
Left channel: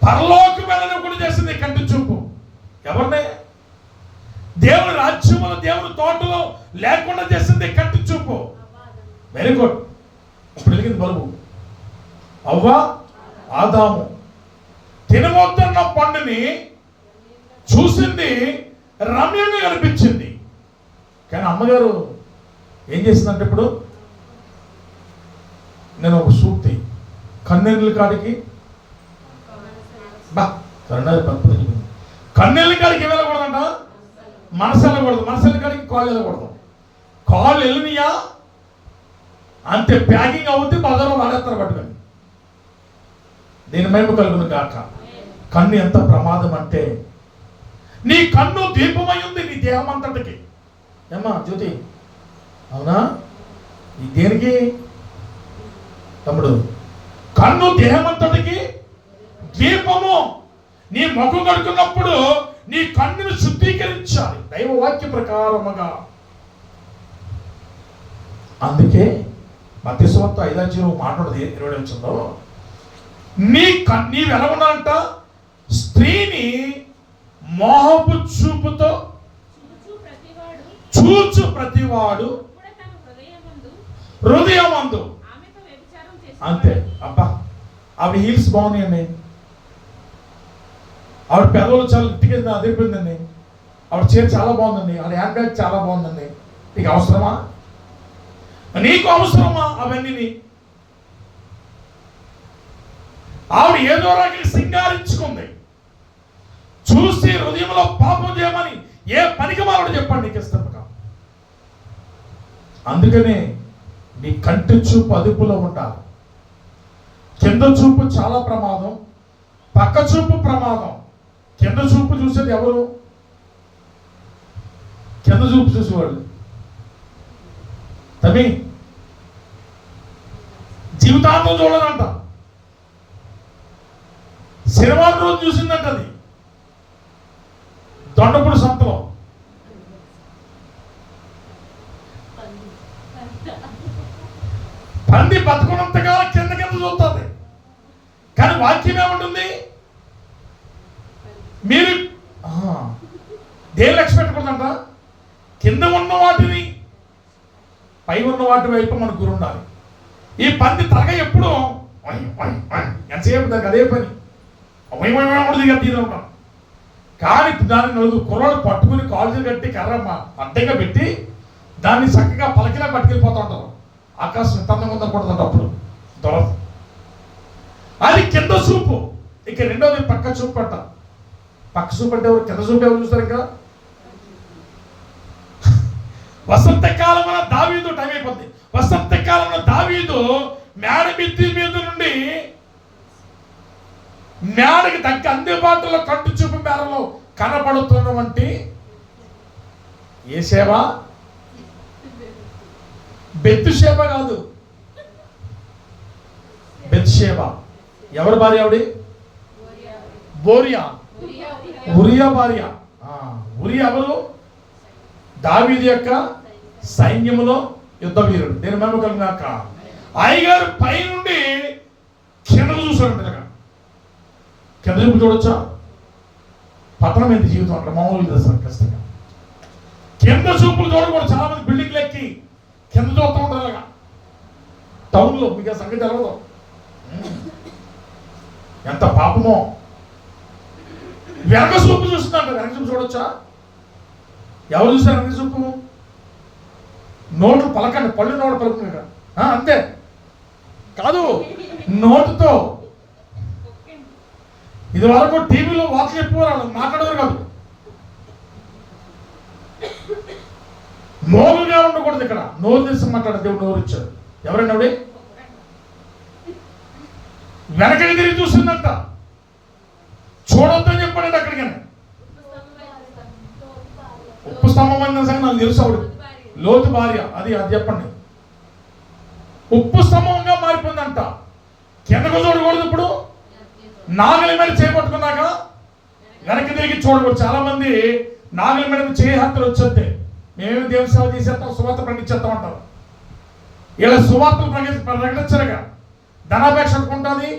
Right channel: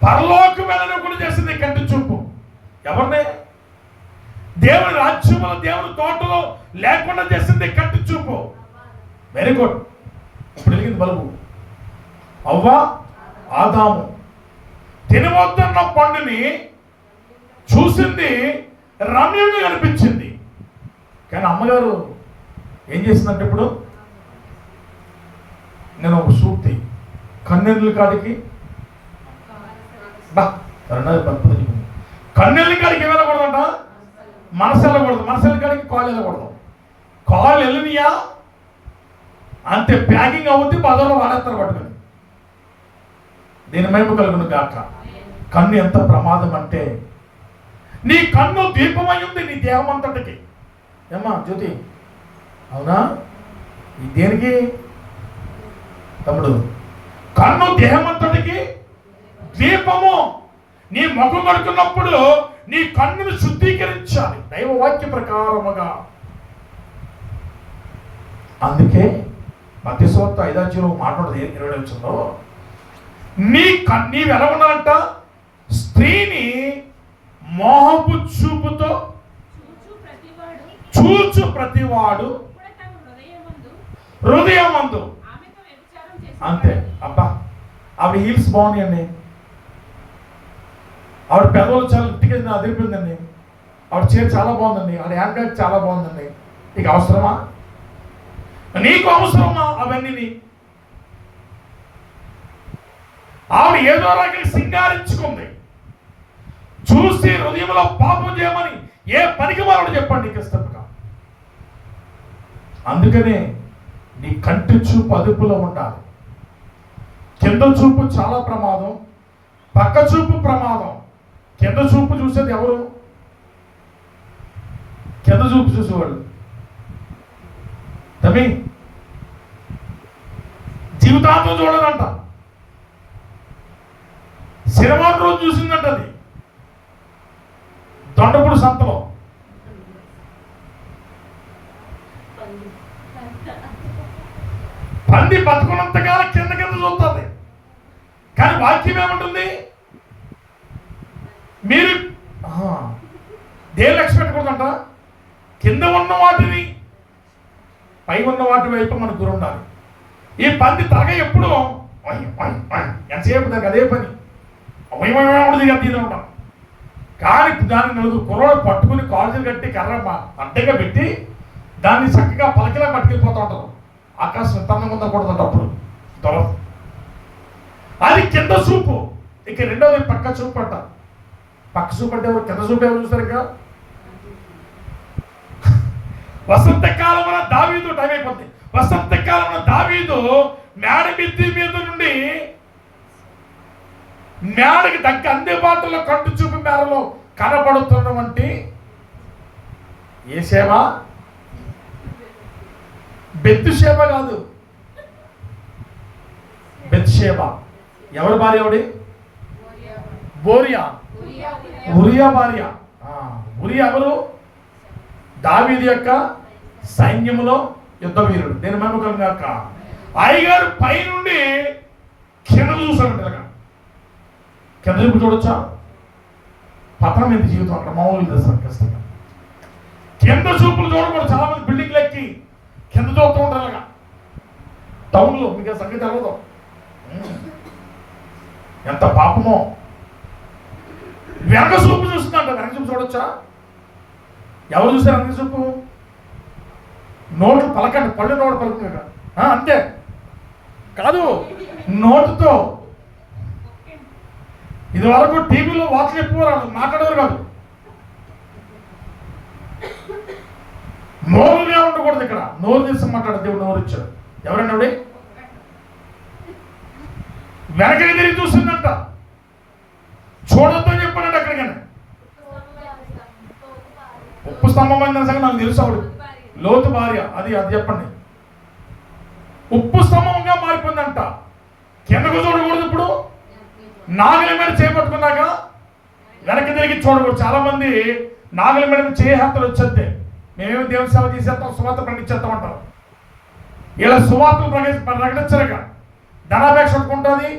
పరలోకం వెళ్ళనివ్వకుండా చేసింది కంటి చూపు. ఎవరిని? దేవుని రాజ్యంలో, దేవుని తోటలో లేకుండా చేసింది కంటి చూపు. Very good. ఇప్పుడు వెలిగింది బలుబు. అవ్వ, ఆదాము తినవద్దన్న పండుని చూసింది, రమ్యంగా కనిపించింది. కానీ అమ్మగారు ఏం చేసిందంటే, ఇప్పుడు నేను ఒక సూక్తి, కన్నెళ్ళ కాడికి కన్నెళ్ళ కాడికి వెళ్ళకూడదంట, మనసు వెళ్ళకూడదు. మనసు వెళ్ళ కాడికి కాళ్ళు వెళ్ళకూడదు. కాళ్ళు వెళ్ళినయా అంతే, ప్యాకింగ్ అవుద్ది, బజార్లో వాడేస్తారు పట్టుకొని. దీని మైపు కలుగును గాక. కన్ను ఎంత ప్రమాదం అంటే, నీ కన్ను దీపమై ఉంది నీ దేహం అంతటికి. ఏమ్మా జ్యోతి, అవునా? ఈ దేనికి తమ్ముడు? కన్ను దేహం అంతటికి దీపము. నీ ముఖం కడుకున్నప్పుడు నీ కన్నును శుద్ధీకరించాలి దైవ వాక్య ప్రకారముగా. అందుకే మత్తయి సువార్త 5వ అధ్యాయంలో మాట్లాడదు 20వ వచనంలో, నీవు ఎలా ఉన్నాడంట? స్త్రీని మోహపు చూపుతో చూచు ప్రతివాడు హృదయమందు. అంతే. అబ్బా, ఆవిడ హీల్స్ బాగున్నాయండి, ఆవిడ పెదవులు చాలా ఇంటికి అదిరిపోయిందండి, ఆవిడ చీర చాలా బాగుందండి, ఆవిడ హ్యాండ్ బ్యాగ్ చాలా బాగుందండి. నీకు అవసరమా? నీకు అవసరమా అవన్నీ? ఆవిడ ఏదో రకంగా సింగారించుకుంది. చూసి హృదయంలో పాపం చేయమని ఏ పనికి మారడు చెప్పండి నీకు ఇష్టంగా. అందుకనే నీ కంటి చూపు అదుపులో ఉండాలి. కింద చూపు చాలా ప్రమాదం, పక్క చూపు ప్రమాదం. కింద చూపు చూసేది ఎవరు? కింద చూపు చూసేవాడు తమ్మి జీవితాంతం చూడదంట. శనివారం రోజు చూసిందంట, అది దొండపూడి సంతలో. పంది బతుకున్నంతకాలం కింద కింద చూస్తుంది. కానీ వాక్యం ఏమంటుంది? మీరు దేని లక్ష్యం పెట్టకూడదంట. కింద ఉన్న వాటిని, పై ఉన్న వాటి వైపు మనకు గురి ఉండాలి. ఈ పంది తరగా ఎప్పుడు ఎంతసేపు దానికి అదే పని ఉంటుంది ఉంటాం. కానీ దాన్ని నలుగురు కుర్రాళ్ళు పట్టుకుని కాల్జీలు కట్టి కర్ర అడ్డగా పెట్టి దాన్ని చక్కగా పలకిలా పట్టుకెళ్ళిపోతూ ఉంటారు. ఆకాశం తన్నం ఉందకూడదంట అప్పుడు దొరద. అది కింద చూపు. ఇక రెండవది పక్క చూపు అంట. పక్క చూపు అంటే ఎవరు? కింద చూపు ఎవరు చూస్తారు? ఇంకా వసంతకాలంలో దావీదు టైం అయిపోద్ది. వసంతకాలంలో దావీదు మేడ మిద్ది మీద నుండి మేడకి దగ్గర అందుబాటులో కంటి చూపు మేరలో కనబడుతున్నవంటి ఏ సేవ? బెత్షెబ కాదు, బెత్షెబ. ఎవరి భార్య ఆవిడ? బోరియా, ఉరియా భార్య. ఉరియా ఎవరు? దావీదు యొక్క సైన్యములో యుద్ధ వీరుడు. నేను మమ్మకాక అయ్యగారు పైనుండి కింద చూసాడు. కింద చూపు చూడొచ్చా? పతనం ఏంటి జీవితం అక్కడ మామూలు చేస్తారు ఖచ్చితంగా. కింద చూపులు చూడకూడదు. చాలా మంది బిల్డింగ్లు ఎక్కి కింద చూస్తూ ఉంటారు అలాగా టౌన్లో. మీకు ఆ సంగతి తెలవదు. ఎంత పాపమో. వెనక చూపు చూస్తుందంట. వెనక చూపు చూడొచ్చా? ఎవరు చూస్తారు వెనక చూపు? నోట్లు పలకండి, పళ్ళు నోటు పలుకుతుంది అంతే కాదు, నోటుతో. ఇది వరకు టీవీలో వార్తలు ఎక్కువ మాట్లాడేవారు కాదు. నోరుగా ఉండకూడదు. ఇక్కడ నోరు తీసి మాట్లాడే దేవుడు నోరు ఇచ్చాడు. ఎవరండి ఆవిడ? వెనకకి తిరిగి చూస్తుందంట. చూడొద్దని చెప్పాడంట. అక్కడికనే ఉప్పు స్తంభం అన్న సంగతి నాకు తెలుసు. ఆవిడ లోతు భార్య. అది చెప్పండి. ఉప్పు స్తంభంగా మారిపోయిందంట. కిందకు చూడకూడదు. ఇప్పుడు నాగలి మీద చేపట్టుకున్నాక వెనక్కి తిరిగి చూడకూడదు. చాలా మంది నాగలి మీద చేయహత్తలు వచ్చేద్దే. మేమేమి దేవుని సేవ చేసేస్తాం, సువార్త ప్రకటించేస్తామంటారు. ఇలా సువార్తలు ప్రకటించలేక ధనాపేక్ష ఉంటుంది.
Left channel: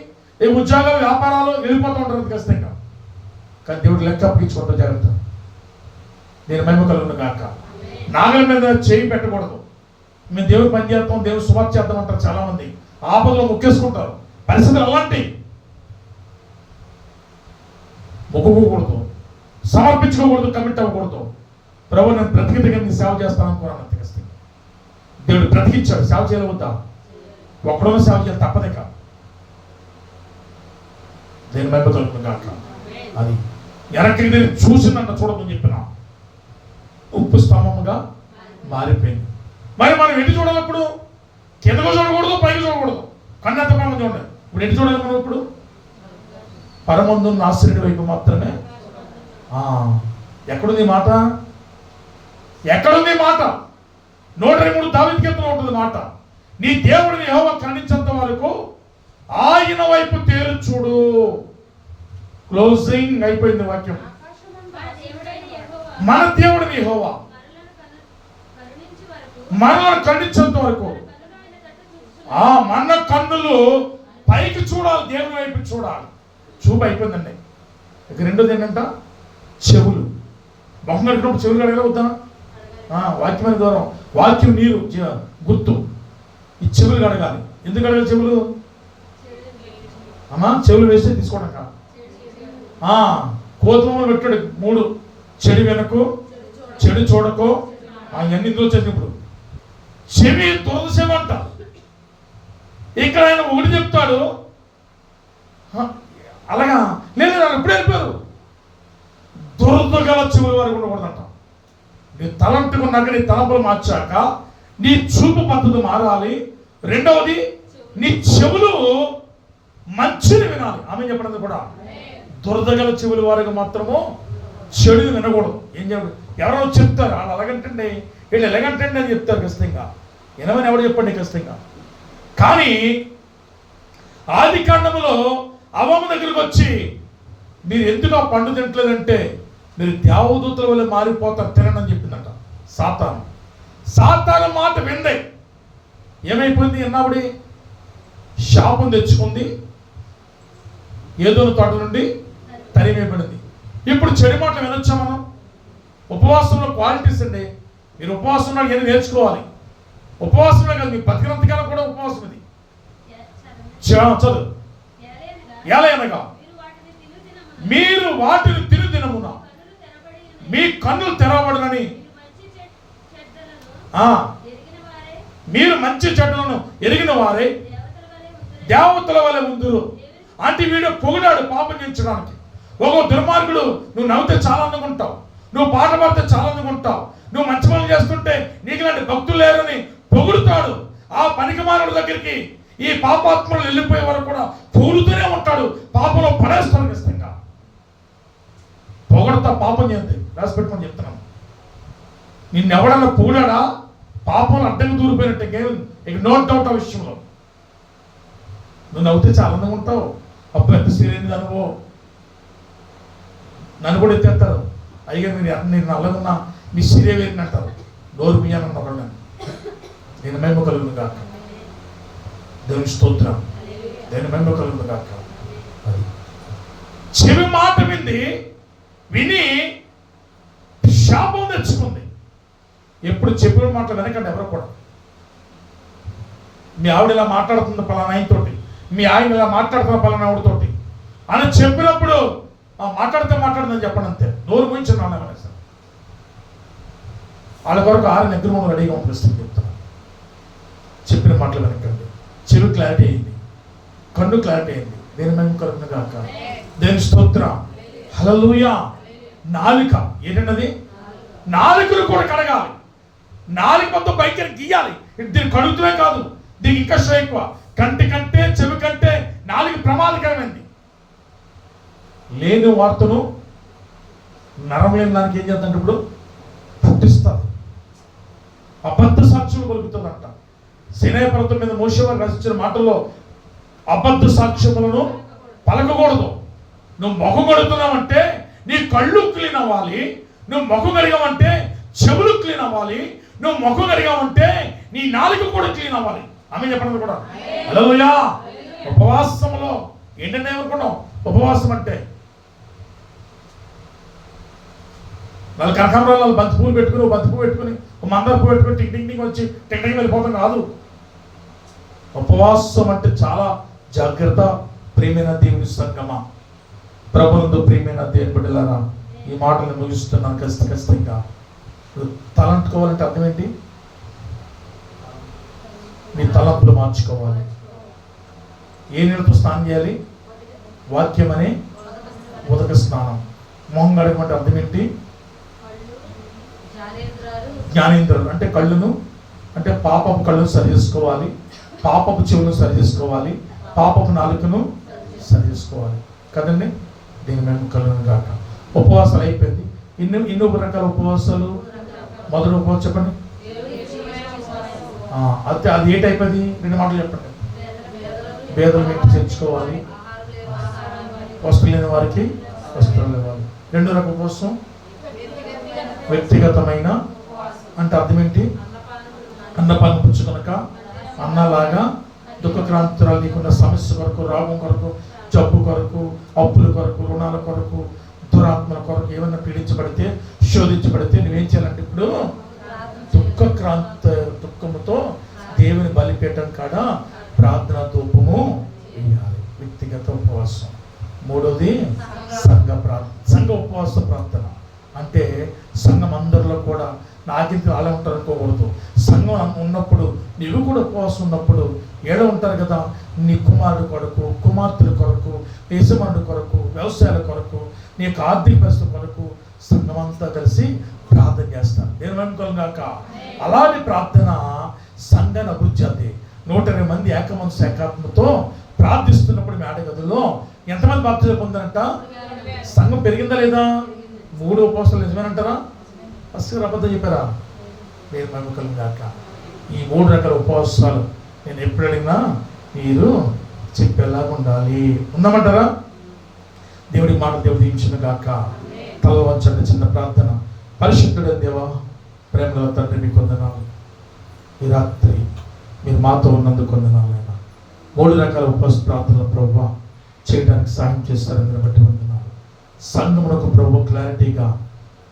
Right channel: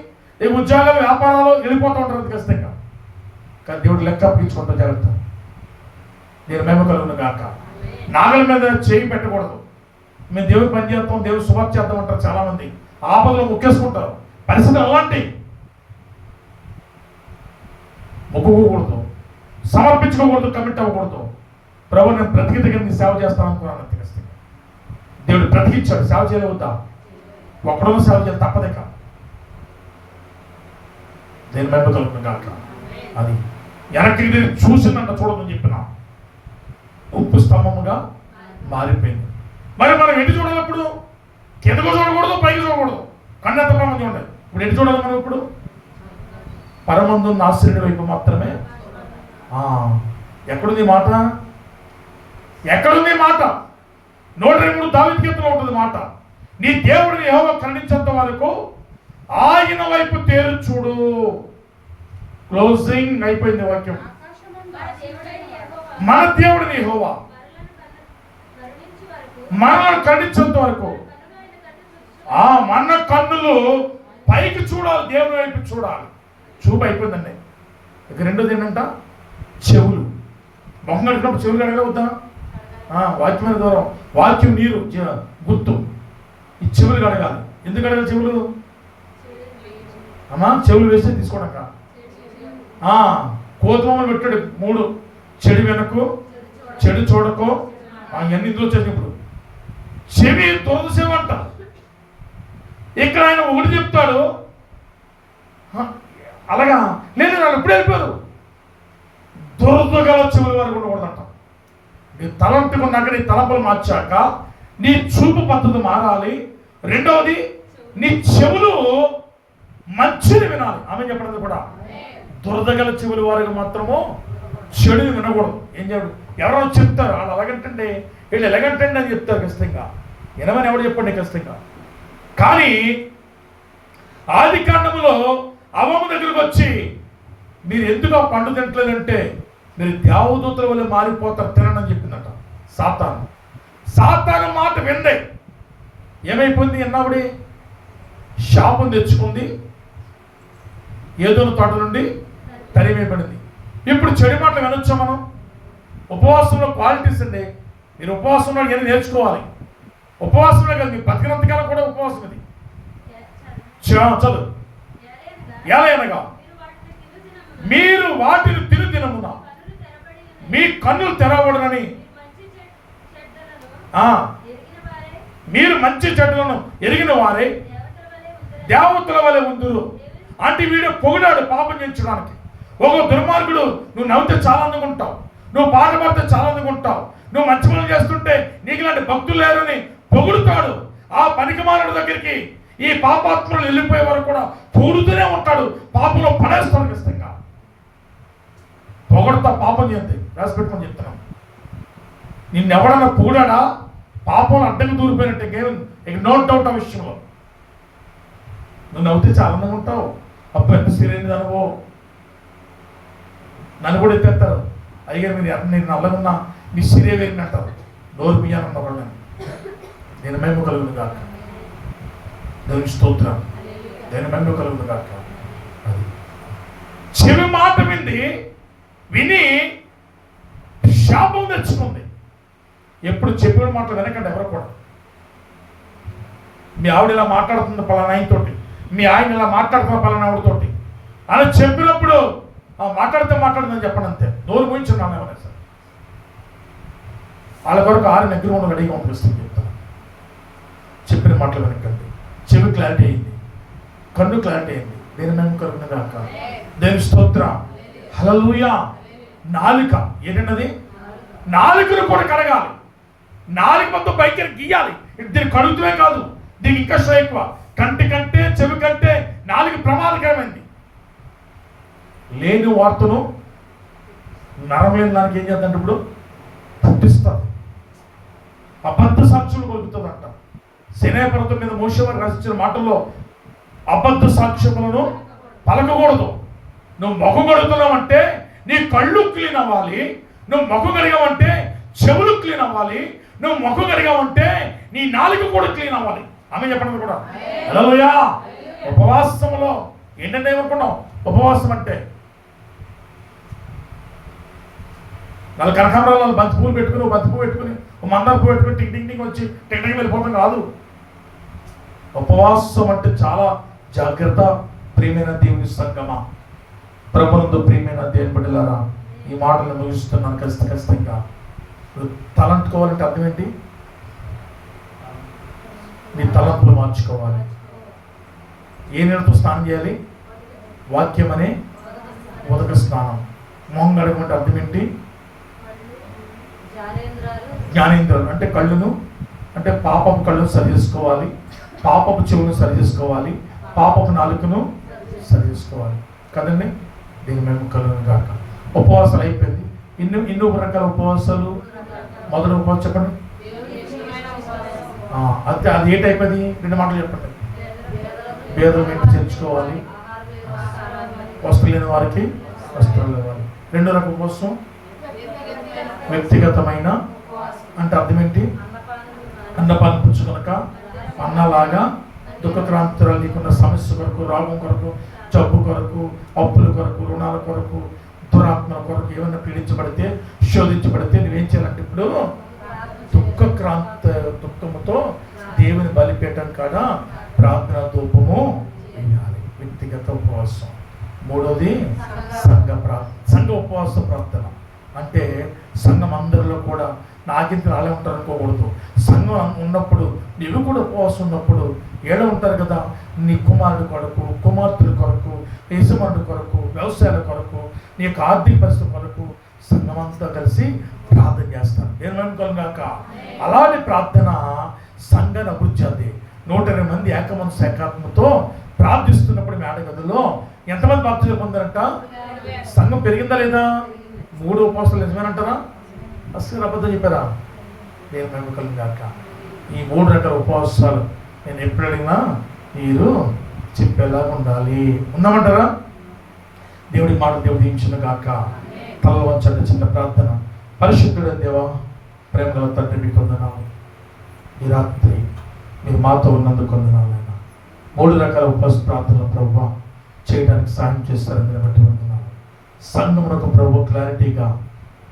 ఈ ఉద్యోగాలు వ్యాపారాలు వెళ్ళిపోతూ ఉంటారు ఖచ్చితంగా. కానీ దేవుడు లెక్క అప్పించుకుంటూ జాగ్రత్త. నేను మేము కలుగును కాక. నాగలి మీద చేయి పెట్టకూడదు. మేము దేవుడు పని చేస్తాం, దేవుడు సువార్త చేద్దాం అంటారు. చాలా మంది ఆపదలో ముక్కేసుకుంటారు. పరిస్థితులు అలాంటి. మొక్కుకోకూడదు, సమర్పించుకోకూడదు, కమిట్ అవ్వకూడదు. ప్రభు నేను బ్రతికితగా సేవ చేస్తాను అనుకున్నాను. అంత ఖచ్చితంగా దేవుడు బ్రతికించాడు. సేవ చేయలేవుద్దా? ఒక్కడో సేవ చేయాలి తప్పదేక. నేను మేము కలుగుతాను కాక. అది వెనక్కి తిరిగి చూసిందంట. చూడదని చెప్పిన ఉప్పు స్తంభముగా మారిపోయింది. మరి మనం ఎటు చూడాలి? ఇప్పుడు కిందకు చూడకూడదు, పైకి చూడకూడదు. కన్నెంత ప్రమాదం చూడాలి. ఇప్పుడు ఎటు చూడాలి మనం? ఇప్పుడు పరమందున్న ఆశ్చర్యుడి వైపు మాత్రమే. ఎక్కడుంది మాట? ఎక్కడుంది మాట? 103 దావీదు కీర్తనలో ఉంటుంది మాట. నీ దేవుడిని యెహోవా కరుణించేంత వరకు ఆయన వైపు తేరు చూడు. క్లోజింగ్ అయిపోయింది వాక్యం. మన దేవుడిని యెహోవా మనల్ని కరుణించేంత వరకు మన కన్నులు పైకి చూడాలి, దేవుని వైపు చూడాలి. చూపు అయిపోయిందండి. ఇక రెండోది ఏంటంట? చెవులు. మొహం కడుకున్నప్పుడు చెవులు కడగలే వద్దా? వాక్యమైన దూరం, వాక్యం నీరు గుర్తు. ఈ చెవులు కడగాలి. ఎందుకు కడగాలి చెవులు? అమ్మా చెవులు వేస్తే తీసుకోవడాక. కోతమని పెట్టాడు 3. చెడు వెనకు, చెడు చూడకు. ఇవన్నీ ఇందులో వచ్చేది. ఇప్పుడు చెవి దురద చెవి అంట. ఇక్కడ ఆయన ఒకటి చెప్తాడు. అలాగా లేదు, వాళ్ళు ఎప్పుడు వెళ్ళిపోయారు. దురద గల చెవుల వరకు ఉండకూడదంట. నీ తలంటుకున్నాక నీ తలంపులు మార్చాక నీ చూపు పద్ధతి మారాలి. రెండవది నీ చెవులు మంచిని వినాలి. ఆమె చెప్పడం కూడా దురద గల చెవుల వారికి మాత్రము చెడు వినకూడదు. ఏం చెప్పడు? ఎవరో చెప్తారు వాళ్ళు అలాగంటండి, వీళ్ళు ఎలాగంటండి అని చెప్తారు. ఖచ్చితంగా వినమని ఎవరు చెప్పండి ఖచ్చితంగా. కానీ ఆది కాండములో అవ్వమ్మ దగ్గరకు వచ్చి మీరు ఎందుకు ఆ పండు తినట్లేదంటే మీరు దేవదూతల వల్ల మారిపోతారు తినని చెప్పిందంట సాతాను. సాతాను మాట విందే ఏమైపోయింది? ఎన్నావిడి శాపం తెచ్చుకుంది. ఏదోను తోట నుండి తరివేయబడింది. ఇప్పుడు చెడు మాటలు వినొచ్చా మనం? ఉపవాసంలో క్వాలిటీస్ అండి. మీరు ఉపవాసంలో ఏదో నేర్చుకోవాలి. ఉపవాసంలో కాదు, మీ బతికినంతకాలం కూడా ఉపవాసం. ఇది చదువు. ఎలా అనగా మీరు వాటిని తిను దినమున మీ కన్నులు తెరవబడనని మీరు మంచి చెడులను ఎరిగిన వారే దేవతల వలె ఉందురు. అంటే వీడు పొగిడాడు పాపం చేయించడానికి. ఒక దుర్మార్గుడు నువ్వు నవ్వుతే చాలా అందంగా ఉంటావు, నువ్వు పాట పాడితే చాలా అందంగా ఉంటావు, నువ్వు మంచి పనులు చేస్తుంటే నీకు ఇలాంటి భక్తులు లేరని పొగుడుతాడు. ఆ పనికిమానుడి దగ్గరికి ఈ పాపాత్మలు వెళ్ళిపోయే వరకు కూడా పొగుడుతూనే ఉంటాడు, పాపంలో పడేస్తాడు ఖచ్చితంగా. పొగడతా పాపం చేయండి రాసి పెట్టుకొని చెప్తున్నాను. నిన్నెవడన్నా పొగిడాడా పాపంలో అడ్డంగా దూరిపోయినట్టే ఇక నో డౌట్ ఆ విషయంలో. నువ్వు నవ్వుతే చాలా అందంగా ఉంటావు, అప్పుడు ఎంత సీరియస్ అనుభవం. నన్ను కూడా ఎత్తేస్తారు, అయ్యారు మీరు నల్లగా ఉన్నా మీ సీరియస్ వేరిని అంటారు. నోరు పియ్యాలన్న వాళ్ళు నేను మేము కలుగును కాక, దేవుని స్తోత్రం, దేని మేము కలుగును కాక. అది చెవి మాట విని శాపం తెచ్చుకుంది. ఎప్పుడు చెప్పిన మాటలు వెనకండి ఎవరు కూడా. మీ ఆవిడ ఇలా మాట్లాడుతుంది పలానా ఆయనతోటి, మీ ఆయన ఇలా మాట్లాడుతున్న పలానా ఆవిడతోటి అని చెప్పినప్పుడు మాట్లాడుతుందని చెప్పండి అంతే. నోరు గురించి నన్ను ఏమన్నా సార్ వాళ్ళ కొరకు 6 నెగ్గురు గడిగా పంపిస్తుంది చెప్తాను. చెప్పిన మాటలు వెనకండి. చెవి క్లారిటీ అయింది, కన్ను క్లారిటీ అయింది. దేని మేము కలుగును గాక, దేని స్తోత్రం, హల్లెలూయా. నాలుక ఏంటన్నది, నాలుకను కూడా కడగాలి. నాలుగు మొత్తం పైకి గీయాలి. దీన్ని కడుగుతూనే కాదు, దీనికి ఇంకా శ్రమ ఎక్కువ. కంటి కంటే చెవి కంటే నాలుగు ప్రమాదకరమైంది. లేని వార్తను నరం లేని దానికి ఏం చేద్దంటే ఇప్పుడు పుట్టిస్తుంది, అబద్ధ సాక్షులు పలుకుతుందంట. సినాయి పర్వతం మీద మోషే వారు రచించిన మాటల్లో అబద్ధ సాక్ష్యములను పలకకూడదు. నువ్వు మొహం కడుగుతున్నావంటే నీ కళ్ళు క్లీన్ అవ్వాలి, నువ్వు మొహం కడిగావంటే చెవులు క్లీన్ అవ్వాలి, నువ్వు మొహం కడిగావంటే నీ నాలుక కూడా క్లీన్ అవ్వాలి. ఆమె చెప్పండి కూడా. హల్లెలూయా. ఉపవాసంలో ఏంటంటే ఏమనుకున్నావు? ఉపవాసం అంటే వాళ్ళు కనకాంబరాలు బంతి పువ్వులు పెట్టుకుని, బంతి పువ్వు పెట్టుకుని, మందార పువ్వు పెట్టుకుని టిక్ వచ్చి టిక్ వెళ్ళిపోతాం కాదు. ఉపవాసం అంటే చాలా జాగ్రత్త. ప్రియమైన దేవుని సంగమా, ప్రభునందు ప్రియమైన దేవుని బిడ్డలారా, ఈ మాటలు ముగిస్తున్నాను ఖచ్చితంగా. ఇప్పుడు తలంటుకోవాలంటే అర్థం ఏంటి? నీ తలంపులు మార్చుకోవాలి. ఏ నీళ్ళతో స్నానం చేయాలి? వాక్యం అనే ఉదక స్నానం. మొహం కడగమంటే అర్థం ఏంటి? జ్ఞానేంద్రులు అంటే కళ్ళును, అంటే పాపపు కళ్ళను సరి చేసుకోవాలి, పాపపు చెవులను సరి చేసుకోవాలి, పాపపు నాలుకను సరి చేసుకోవాలి కదండి. దీని మేము కలుగును గాక. ఉపవాసాలు అయిపోయింది. ఇన్ని రకాల ఉపవాసాలు. మొదటి ఉపవాసం చెప్పండి. అది ఏంటైపోయింది? 2 మాటలు చెప్పండి. పేదలు ఇంటి చేర్చుకోవాలి, వస్తువులు లేని వారికి వస్త్రాలు ఇవ్వాలి. 2వ రకం ఉపవాసం వ్యక్తిగతమైన అంటే అర్థం ఏంటి? అన్నపానం పుచ్చుకొనక, అన్నలాగా దుఃఖక్రాంతురాలు నీకున్న సమస్య కొరకు, రోగం కొరకు, జబ్బు కొరకు, అప్పుల కొరకు, రుణాల కొరకు, దురాత్మల కొరకు ఏమన్నా పీడించబడితే, శోధించబడితే నువ్వేం చేయాలంటే ఇప్పుడు దుఃఖముతో దేవుని బలిపీఠం కాడ ప్రార్థన ధూపము వేయాలి. వ్యక్తిగత ఉపవాసం. 3వది సంఘ ఉపవాస ప్రార్థన. అంటే సంఘం అందరిలో కూడా నాకింత అలా ఉంటారు అనుకోకూడదు. సంఘం ఉన్నప్పుడు నీవు కూడా ఉపవాసం ఉన్నప్పుడు ఏడ ఉంటారు కదా, నీ కుమారుడు కొరకు, కుమార్తెల కొరకు, యజమానుడి కొరకు, వ్యవసాయాల కొరకు, నీ యొక్క ఆర్థిక పరిస్థితి కొరకు సంఘం అంతా కలిసి ప్రార్థన చేస్తాను. నేను అనుకోగాక అలాంటి ప్రార్థన సంఘాన్ని అభివృద్ధి చెంది 120 మంది ఏకమంది శాఖాత్మతో ప్రార్థిస్తున్నప్పుడు మేడ గదిలో ఎంతమంది బాప్తిజం పొందారంట? సంఘం పెరిగిందా లేదా? 3 ఉపవాసాలు నిజమేనంటారా? అసలు అబద్ధం చెప్పారా? నేను నమ్మకం కాక ఈ 3 రకాల ఉపవాసాలు నేను ఎప్పుడు అడిగినా మీరు చెప్పేలాగా ఉండాలి. ఉందామంటారా? దేవుడి మాట దేవుడు దీవించును గాక. తల వంచండి. చిన్న ప్రార్థన. పరిశుద్ధుడైన దేవా, ప్రేమగల తండ్రి, మీకు వందనాలు. ఈ రాత్రి మీరు మాతో ఉన్నందుకు వందనాలు. 3 రకాల ఉపవాస ప్రార్థనలు ప్రభువా చేయడానికి సాయం చేస్తారని బట్టి వందనాలు. సంఘమునకు ప్రభు క్లారిటీగా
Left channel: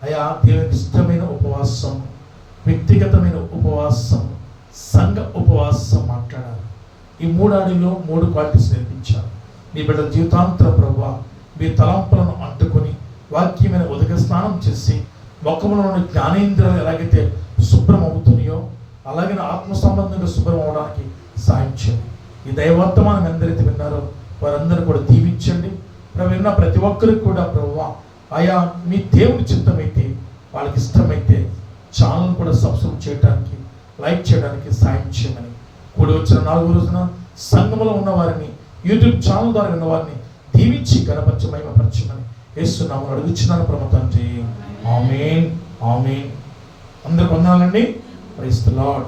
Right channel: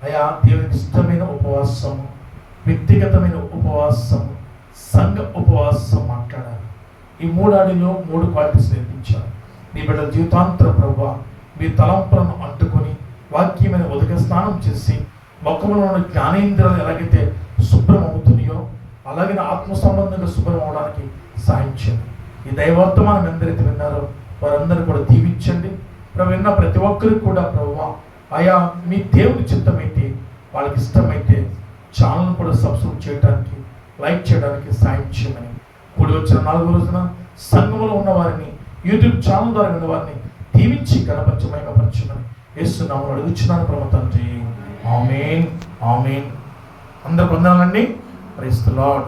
అయా దేవునికి ఇష్టమైన ఉపవాసం, వ్యక్తిగతమైన ఉపవాసం, సంఘ ఉపవాసం మాట్లాడారు. ఈ 3 ఆడిలో 3 క్వాలిటీస్ నేర్పించారు. మీ బిడ్డల జీవితాంతరం ప్రభువా మీ తలంపులను అంటుకొని వాక్యమైన ఉదక స్నానం చేసి ముఖములో జ్ఞానేంద్రియాలు ఎలాగైతే శుభ్రం అవుతున్నాయో అలాగే ఆత్మ సంబంధంగా శుభ్రం అవడానికి సాయం చేయండి. ఈ దైవవర్తమానం ఎందరైతే విన్నారో వారందరూ కూడా దీవించండి ప్రభు. విన్న ప్రతి ఒక్కరికి కూడా ప్రభువా ఆయా మీ దేవుని చిత్తమైతే వాళ్ళకి ఇష్టమైతే ఛానల్ కూడా సబ్స్క్రైబ్ చేయడానికి లైక్ చేయడానికి సాయం చేయమని కూడి వచ్చిన 4వ రోజున సంఘంలో ఉన్న వారిని యూట్యూబ్ ఛానల్ ద్వారా ఉన్న వారిని దీవించి గణపరచ మహిమపరచమని యేసునామములో అడుగుచున్నాను ప్రభు తండ్రి. ఆమేన్ ఆమేన్. అందరికి వందనాలండి. Praise the lord.